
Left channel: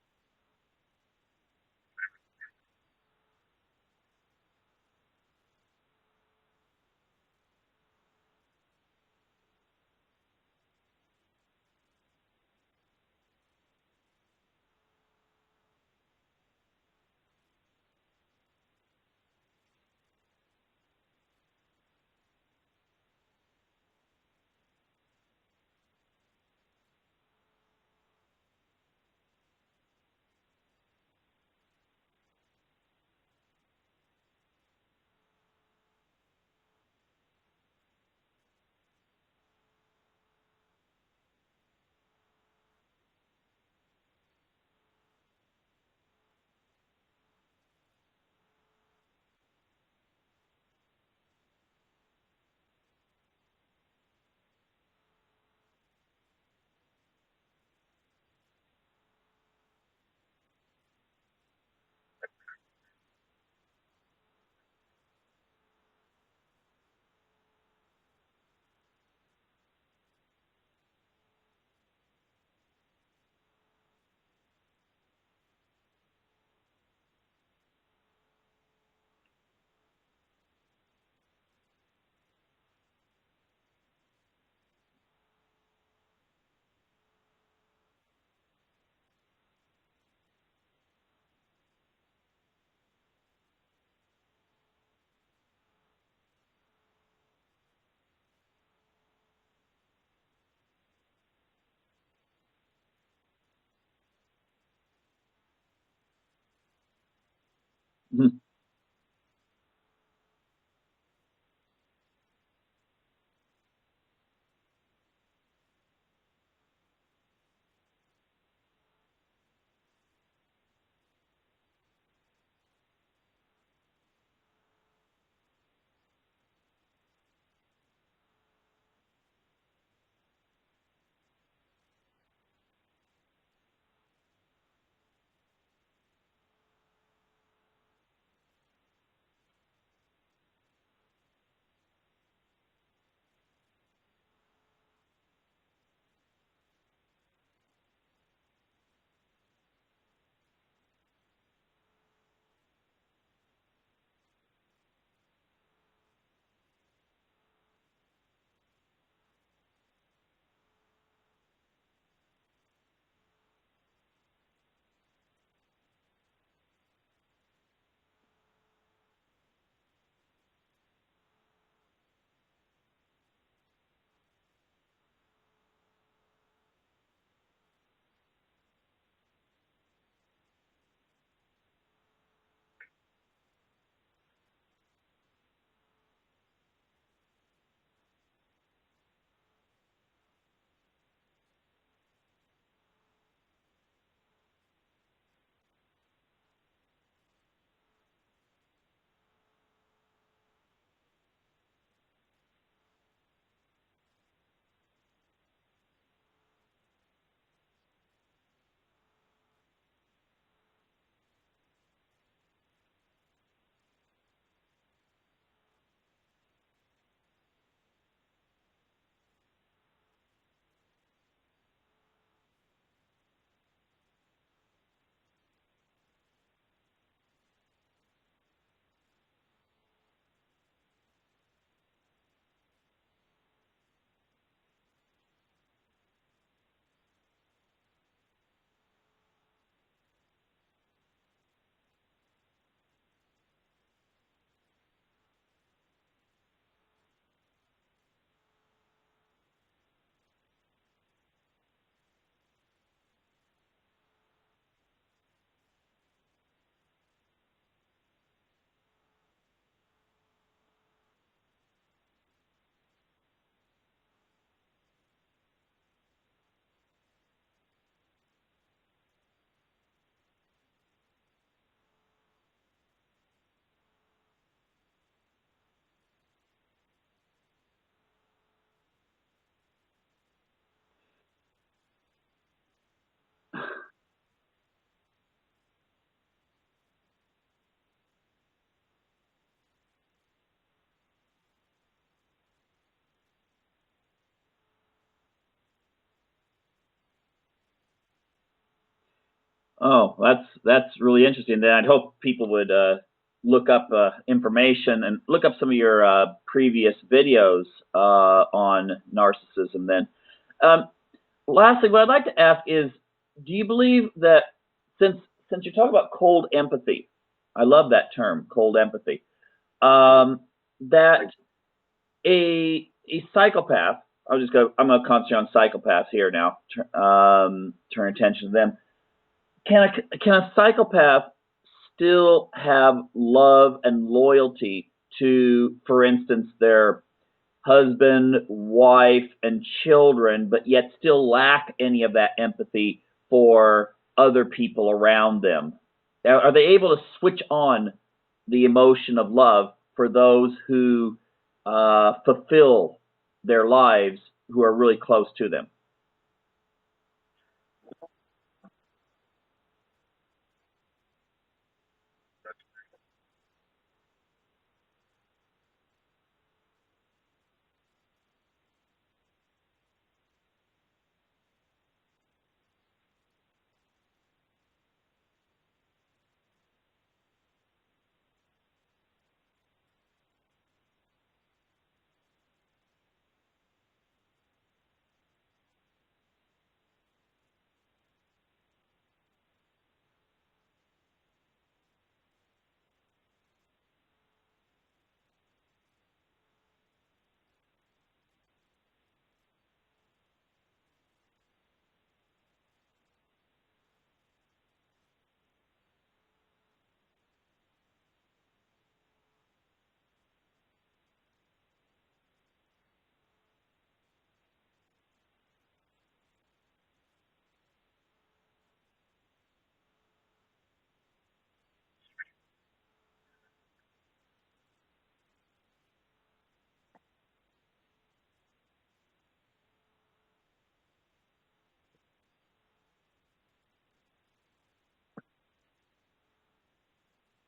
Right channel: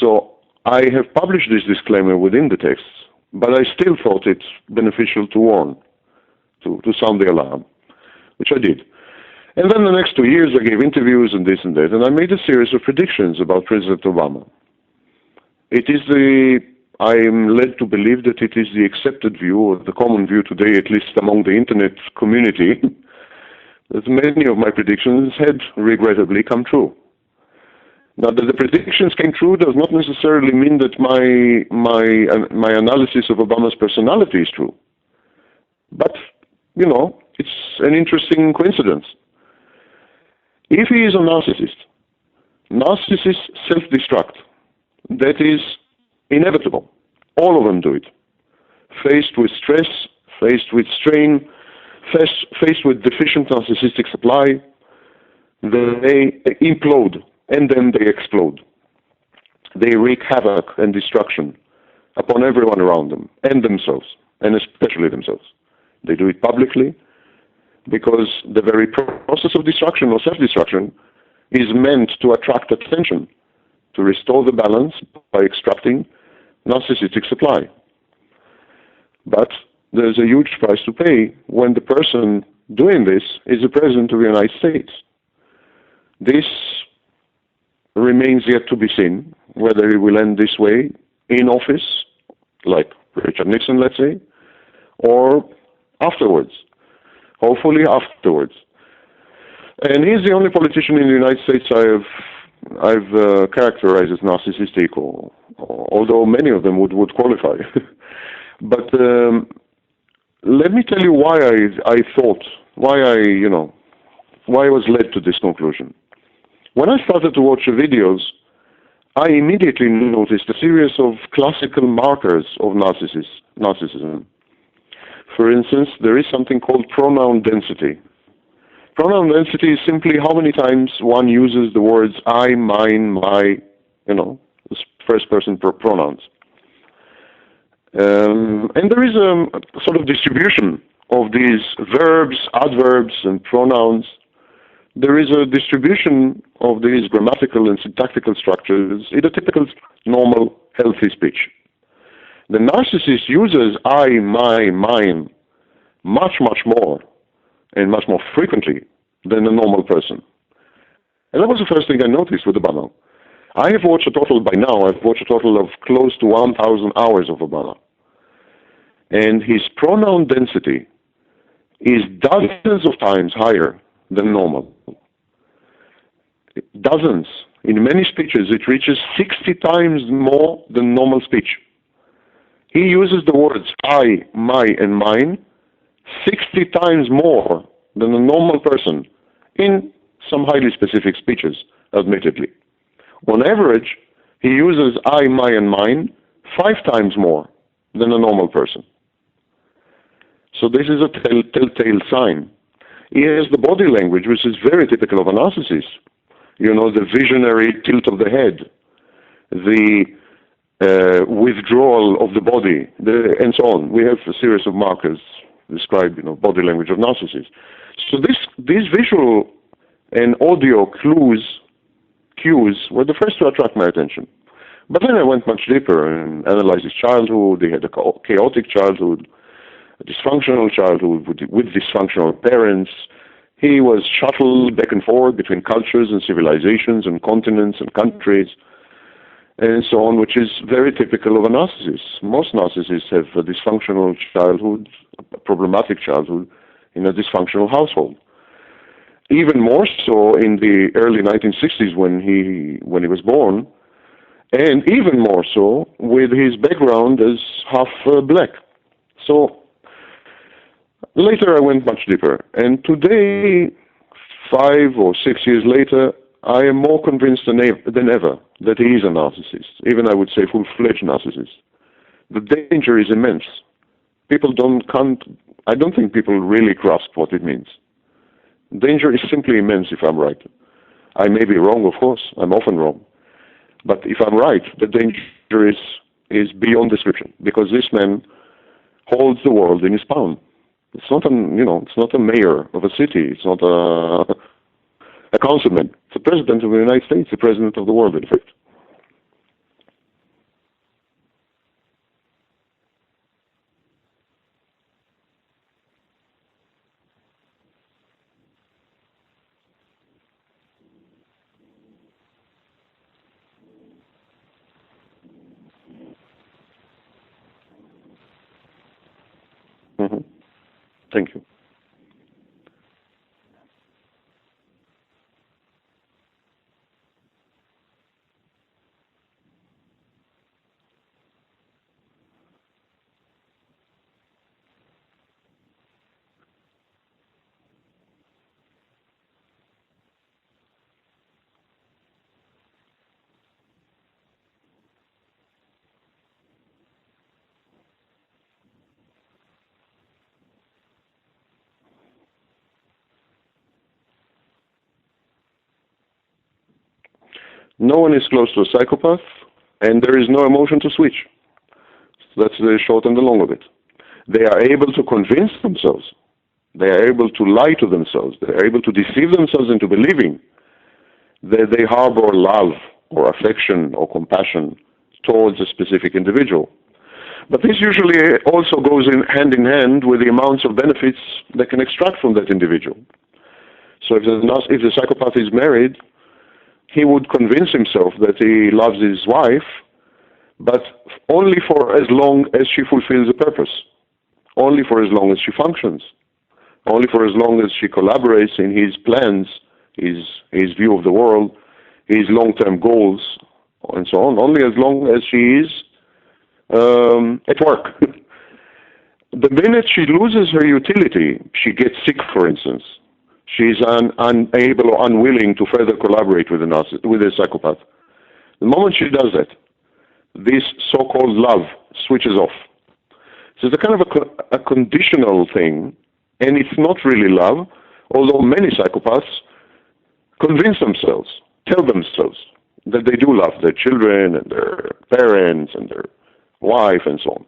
So I have published this disclaimer within the texts, but I still thought it beneficial to warn, to sound the alarm, which I did. And then the next 2 years I gave interviews and this and that, and I made a series of predictions about President Obama. I am led to believe that it is the accepted view, or the common view today, at least among the internet community, that many of my predictions had regrettably come true. Now, that the predictions came true does not necessarily mean that my analysis of Obama's personality is true. But, it's an interesting coincidence. If he is a narcissist, narcissists self-destruct. That is inevitable. All of them do it. Faced with stress, faced with strain, faced with deficient narcissistic supply, they implode and then they explode. They wreak havoc and destruction upon everyone around them and themselves, and especially themselves. They do it publicly because the very process of destruction or self-destruction is meant to attract attention, to restore the balance by extracting narcissistic supply. But there's a huge price to pay when the person doing this is the President of the United States. This remains yet to be seen, whether he will end this way in office, like Richard Nixon, let's say, or afterwards. Hopefully afterwards. And he's the only politician in the United States I've characterized as narcissistic, although many of them would qualify. But let me tell you why why I was led to this conclusion. When I started to watch the videos, I immediately noticed a series of classical markers of narcissism. For instance, there is something called pronoun density. Pronoun density is simply how many times one uses the words I, mine, my, first person pronouns. And there is a sort of distribution of these verbs, adverbs, and pronouns. There is a distribution of these grammatical and syntactical structures in a typical, normal, healthy speech. The narcissist uses I, my, mine much, much more and much more frequently than a normal person. And that was the first thing I noticed with Obama. I've watched a total of close to 1,000 hours of Obama. And his pronoun density is dozens of times higher than normal. Dozens. In many speeches, it reaches 60 times more than normal speech. He uses the words I, my, and mine 60 times more than a normal person in some highly specific speeches, admittedly. On average, he uses I, my, and mine 5 times more than a normal person. So this is a telltale sign. He has the body language, which is very typical of a narcissist. The visionary tilt of the head, the withdrawal of the body, and so on. We have a series of markers describe, body language of narcissists. So these visual and audio cues were the first to attract my attention. But then I went much deeper and analyzed his childhood. He had a chaotic childhood, a dysfunctional childhood with dysfunctional parents. He was shuttled back and forth between cultures and civilizations and continents and countries and so on, which is very typical of a narcissist. Most narcissists have a dysfunctional childhood, a problematic childhood in a dysfunctional household. Even more so in the early 1960s when he was born, and even more so with his background as half black. So Later, I went much deeper. And today, 5 or 6 years later, I am more convinced than ever that he is a narcissist, even I would say full-fledged narcissist. The danger is immense. I don't think people really grasp what it means. Danger is simply immense if I'm right. I may be wrong, of course. I'm often wrong. But if I'm right, the danger is beyond description, because this man holds the world in his palm. It's not it's not a mayor of a city. It's not a councilman. It's the president of the United States, the president of the world, in fact. Oh, that's really interesting. Then I'd hope people would look up information and look up some of your previous videos on narcissism. Then, lastly, what I'd like to ask is, do you believe that since you're talking about cold empathy, I love that term, cold empathy, that a psychopath, I'm going to concentrate on psychopaths here now, turn attention to them. Can a psychopath still have love and loyalty to, for instance, their husband, wife, and children, but yet still lack any of that empathy for other people around them? Are they able to switch on the emotion of love for those who fulfill their lives, who are really close to them? No one is close to a psychopath, and there is no emotion to switch. That's the short and the long of it. They are able to convince themselves. They are able to lie to themselves. They are able to deceive themselves into believing that they harbor love or affection or compassion towards a specific individual. But this usually also goes hand in hand with the amounts of benefits they can extract from that individual. So if the psychopath is married, he would convince himself that he loves his wife, but only for as long as she fulfills a purpose, only for as long as she functions, only for as long as she collaborates in his plans, his view of the world, his long-term goals, and so on, only as long as she is at work. The minute she loses her utility, she gets sick, for instance, she's unable or unwilling to further collaborate with a psychopath. The moment she does that, this so-called love switches off. So it's a kind of a conditional thing, and it's not really love, although many psychopaths convince themselves, tell themselves that they do love their children and their parents and their wife and so on.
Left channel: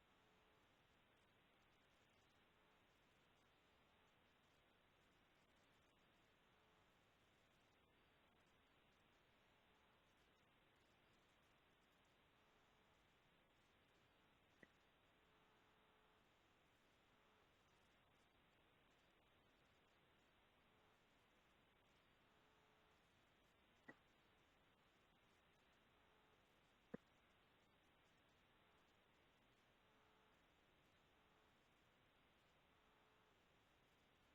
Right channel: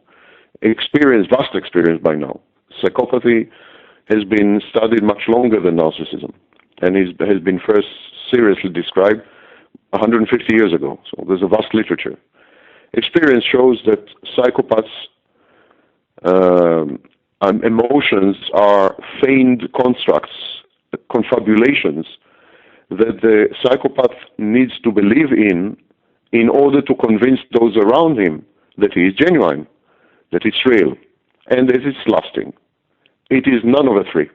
Vast experience by now. Psychopathy has been studied much longer than narcissism, and has been first seriously described 150 years ago. So there's a vast literature. Experience shows that psychopaths' emotions are feigned constructs, confabulations that the psychopath needs to believe in order to convince those around him that he is genuine, that it's real, and that it's lasting. It is none of the three.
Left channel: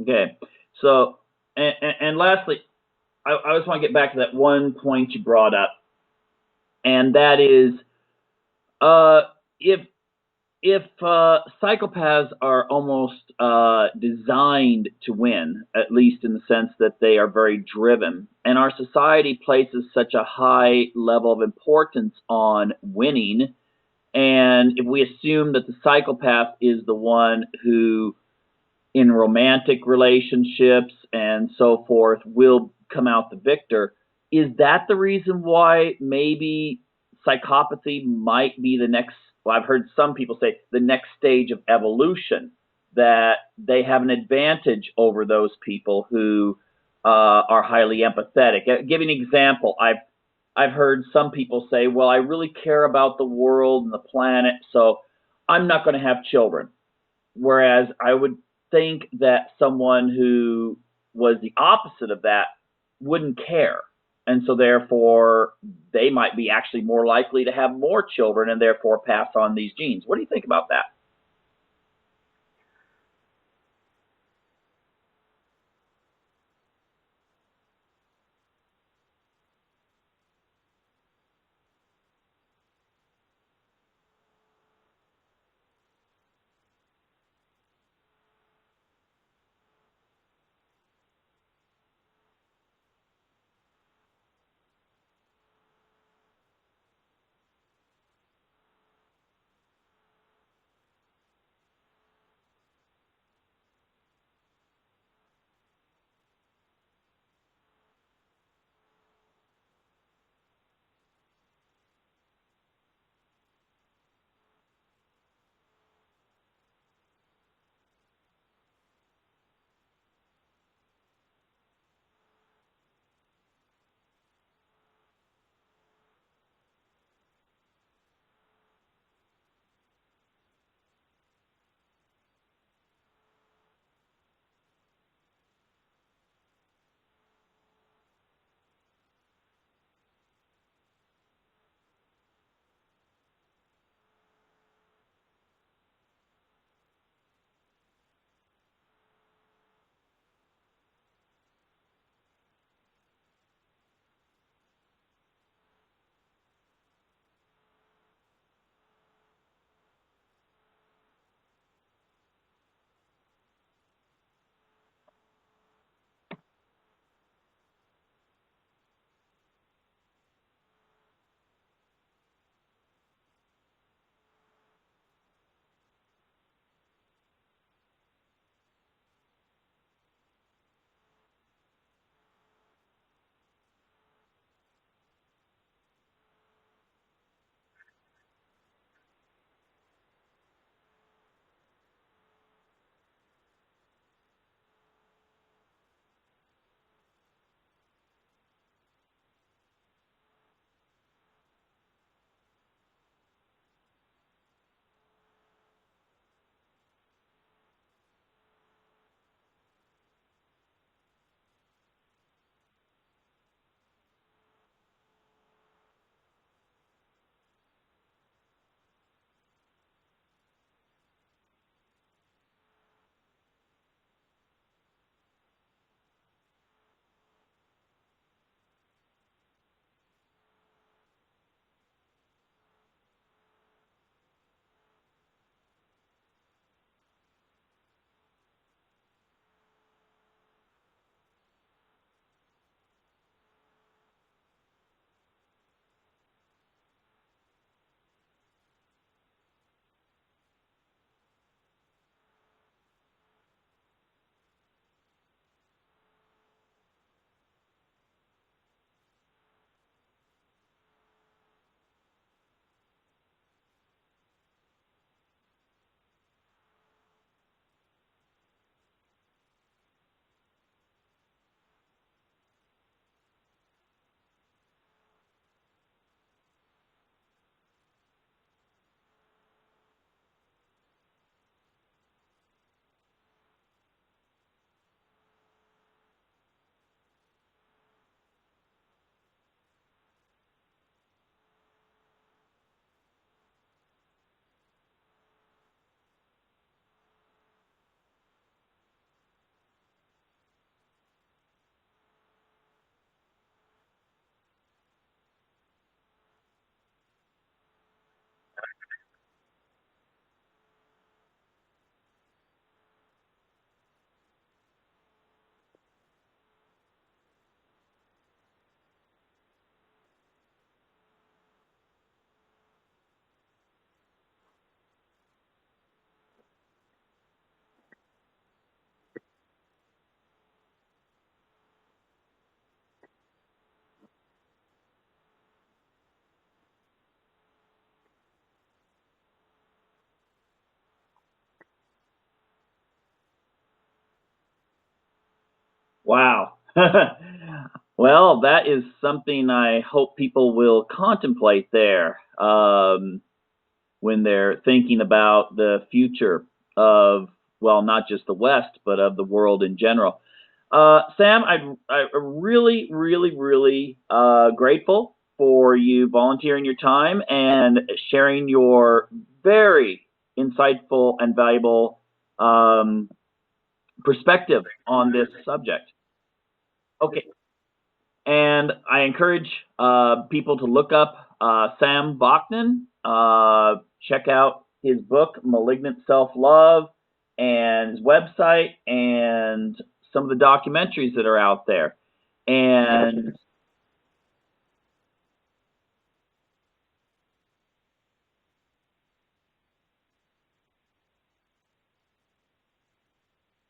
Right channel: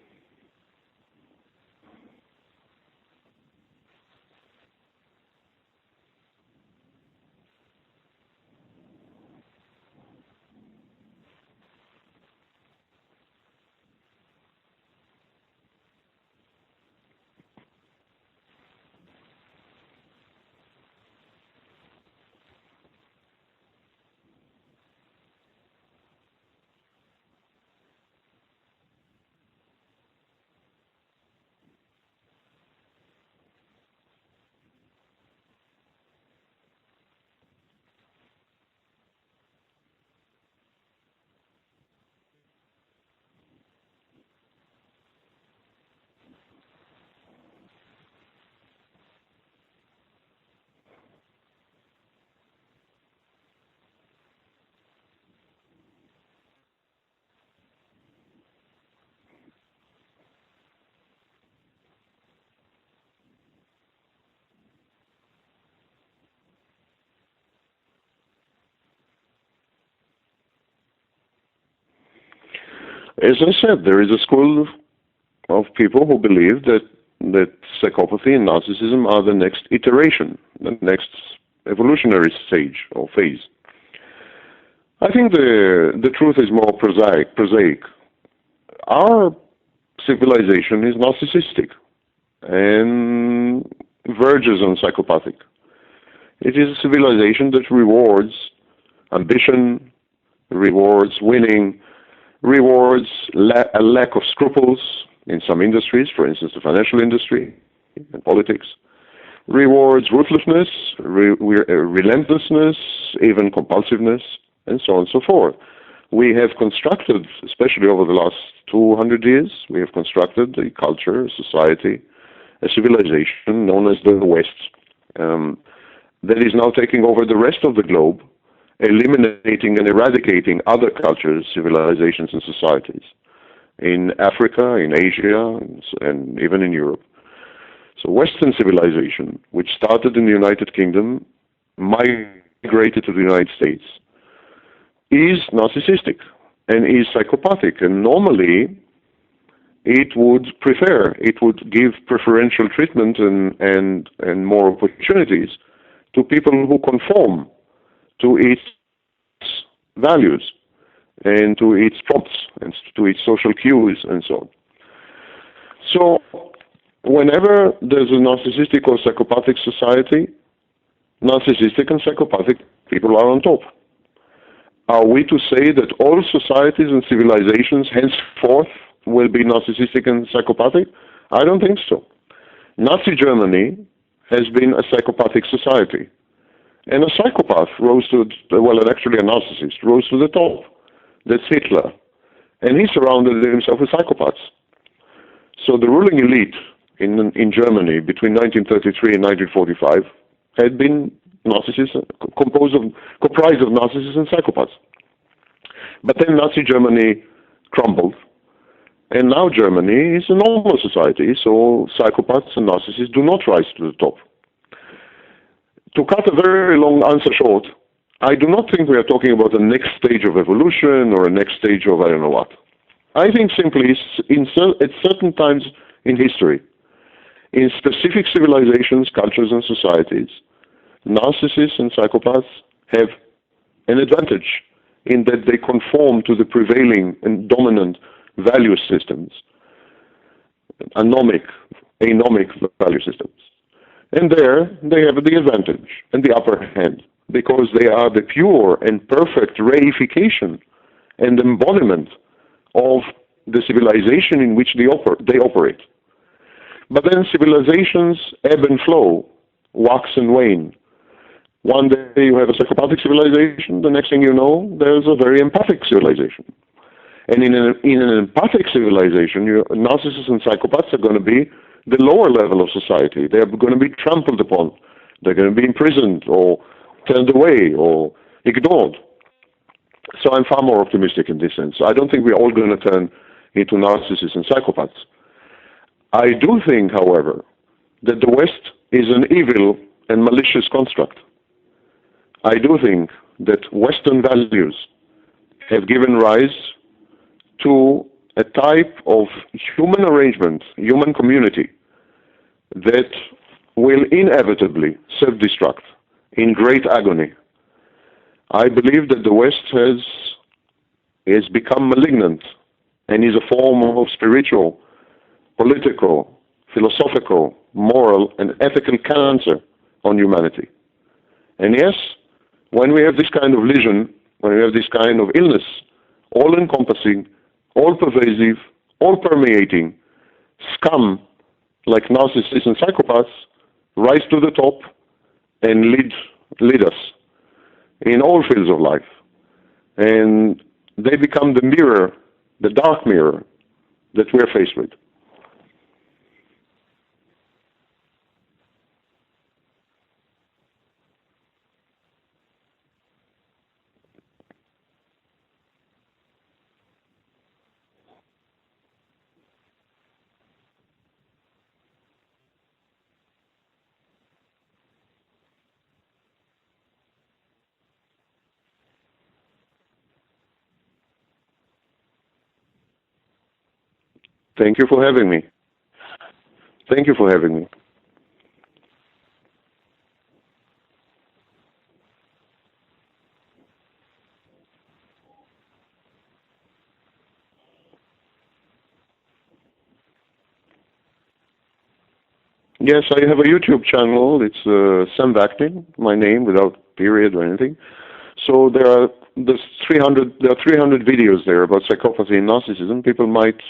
Okay. So, and lastly, I just want to get back to that one point you brought up, and that is, if psychopaths are almost designed to win, at least in the sense that they are very driven, and our society places such a high level of importance on winning, and if we assume that the psychopath is the one who, in romantic relationships and so forth, will come out the victor, is that the reason why maybe psychopathy might be the next, well, I've heard some people say the next stage of evolution, that they have an advantage over those people who are highly empathetic? Give an example. I've heard some people say, well, I really care about the world and the planet, so I'm not going to have children. Whereas I would think that someone who was the opposite of that wouldn't care. And so therefore, they might be actually more likely to have more children and therefore pass on these genes. What do you think about that? As I said, there is a school of people who believe that psychopathy and narcissism are the next iteration, the next evolutionary stage or phase. I think the truth is more prosaic. Our civilization is narcissistic and verges on psychopathic. It is a civilization that rewards ambition, rewards winning, rewards a lack of scruples in some industries, for instance, the financial industry and politics, rewards ruthlessness, relentlessness, even compulsiveness, and so on and so forth. We have constructed, especially over the last 200 years, we have constructed a culture, a society, a civilization known as the West, that is now taking over the rest of the globe, eliminating and eradicating other cultures, civilizations, and societies in Africa, in Asia, and even in Europe. So Western civilization, which started in the United Kingdom, migrated to the United States, is narcissistic and is psychopathic. And normally, it would give preferential treatment and more opportunities to people who conform to its values and to its prompts and to its social cues and so on. So whenever there's a narcissistic or psychopathic society, narcissistic and psychopathic people are on top. Are we to say that all societies and civilizations henceforth will be narcissistic and psychopathic? I don't think so. Nazi Germany has been a psychopathic society. And a psychopath actually a narcissist, rose to the top. That's Hitler. And he surrounded himself with psychopaths. So the ruling elite in Germany between 1933 and 1945 had been narcissists, comprised of narcissists and psychopaths. But then Nazi Germany crumbled, and now Germany is a normal society, so psychopaths and narcissists do not rise to the top. To cut a very long answer short, I do not think we are talking about the next stage of evolution or a next stage of I don't know what. I think simply at certain times in history, in specific civilizations, cultures, and societies, narcissists and psychopaths have an advantage in that they conform to the prevailing and dominant value systems, anomic value systems. And there they have the advantage and the upper hand because they are the pure and perfect reification and embodiment of the civilization in which they operate. But then civilizations ebb and flow, wax and wane. One day you have a psychopathic civilization, the next thing you know, there's a very empathic civilization. And in an empathic civilization, narcissists and psychopaths are going to be the lower level of society. They're going to be trampled upon. They're going to be imprisoned or turned away or ignored. So I'm far more optimistic in this sense. I don't think we're all going to turn into narcissists and psychopaths. I do think, however, that the West is an evil and malicious construct. I do think that Western values have given rise to a type of human arrangement, human community, that will inevitably self-destruct in great agony. I believe that the West has become malignant and is a form of spiritual, political, philosophical, moral, and ethical cancer on humanity. And yes, when we have this kind of lesion, when we have this kind of illness, all-encompassing, all-pervasive, all-permeating, scum like narcissists and psychopaths rise to the top and lead us in all fields of life. And they become the mirror, the dark mirror that we're faced with. Wow. Well, that is something I hope people will contemplate there when they're thinking about the future of, well, not just the West, but of the world in general. Sam, I'm really, really, really grateful for you volunteering your time and sharing your very insightful and valuable perspective. Thank you for having me. Subject. Thank you for having me. And I encourage people to look up Sam Vaknin, check out his book, Malignant Self-Love, and his website, and some of the documentaries that are out there. And yes, I have a YouTube channel. It's Sam Vaknin, my name, without period or anything. So there's 300 videos there about psychopathy and narcissism. People might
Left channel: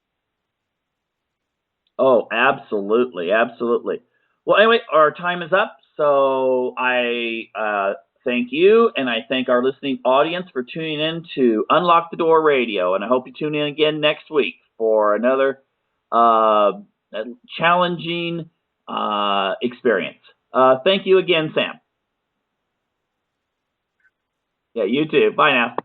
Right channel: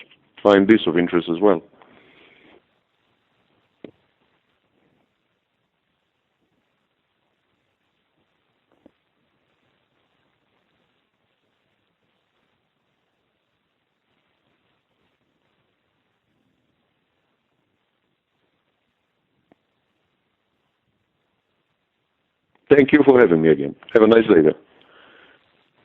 find this of interest as well. Oh, absolutely, absolutely. Well, anyway, our time is up. So I thank you, and I thank our listening audience for tuning in to Unlock the Door Radio. And I hope you tune in again next week for another challenging experience. Thank you again, Sam. Thank you for having me again. Have a nice day. Yeah, you too. Bye now.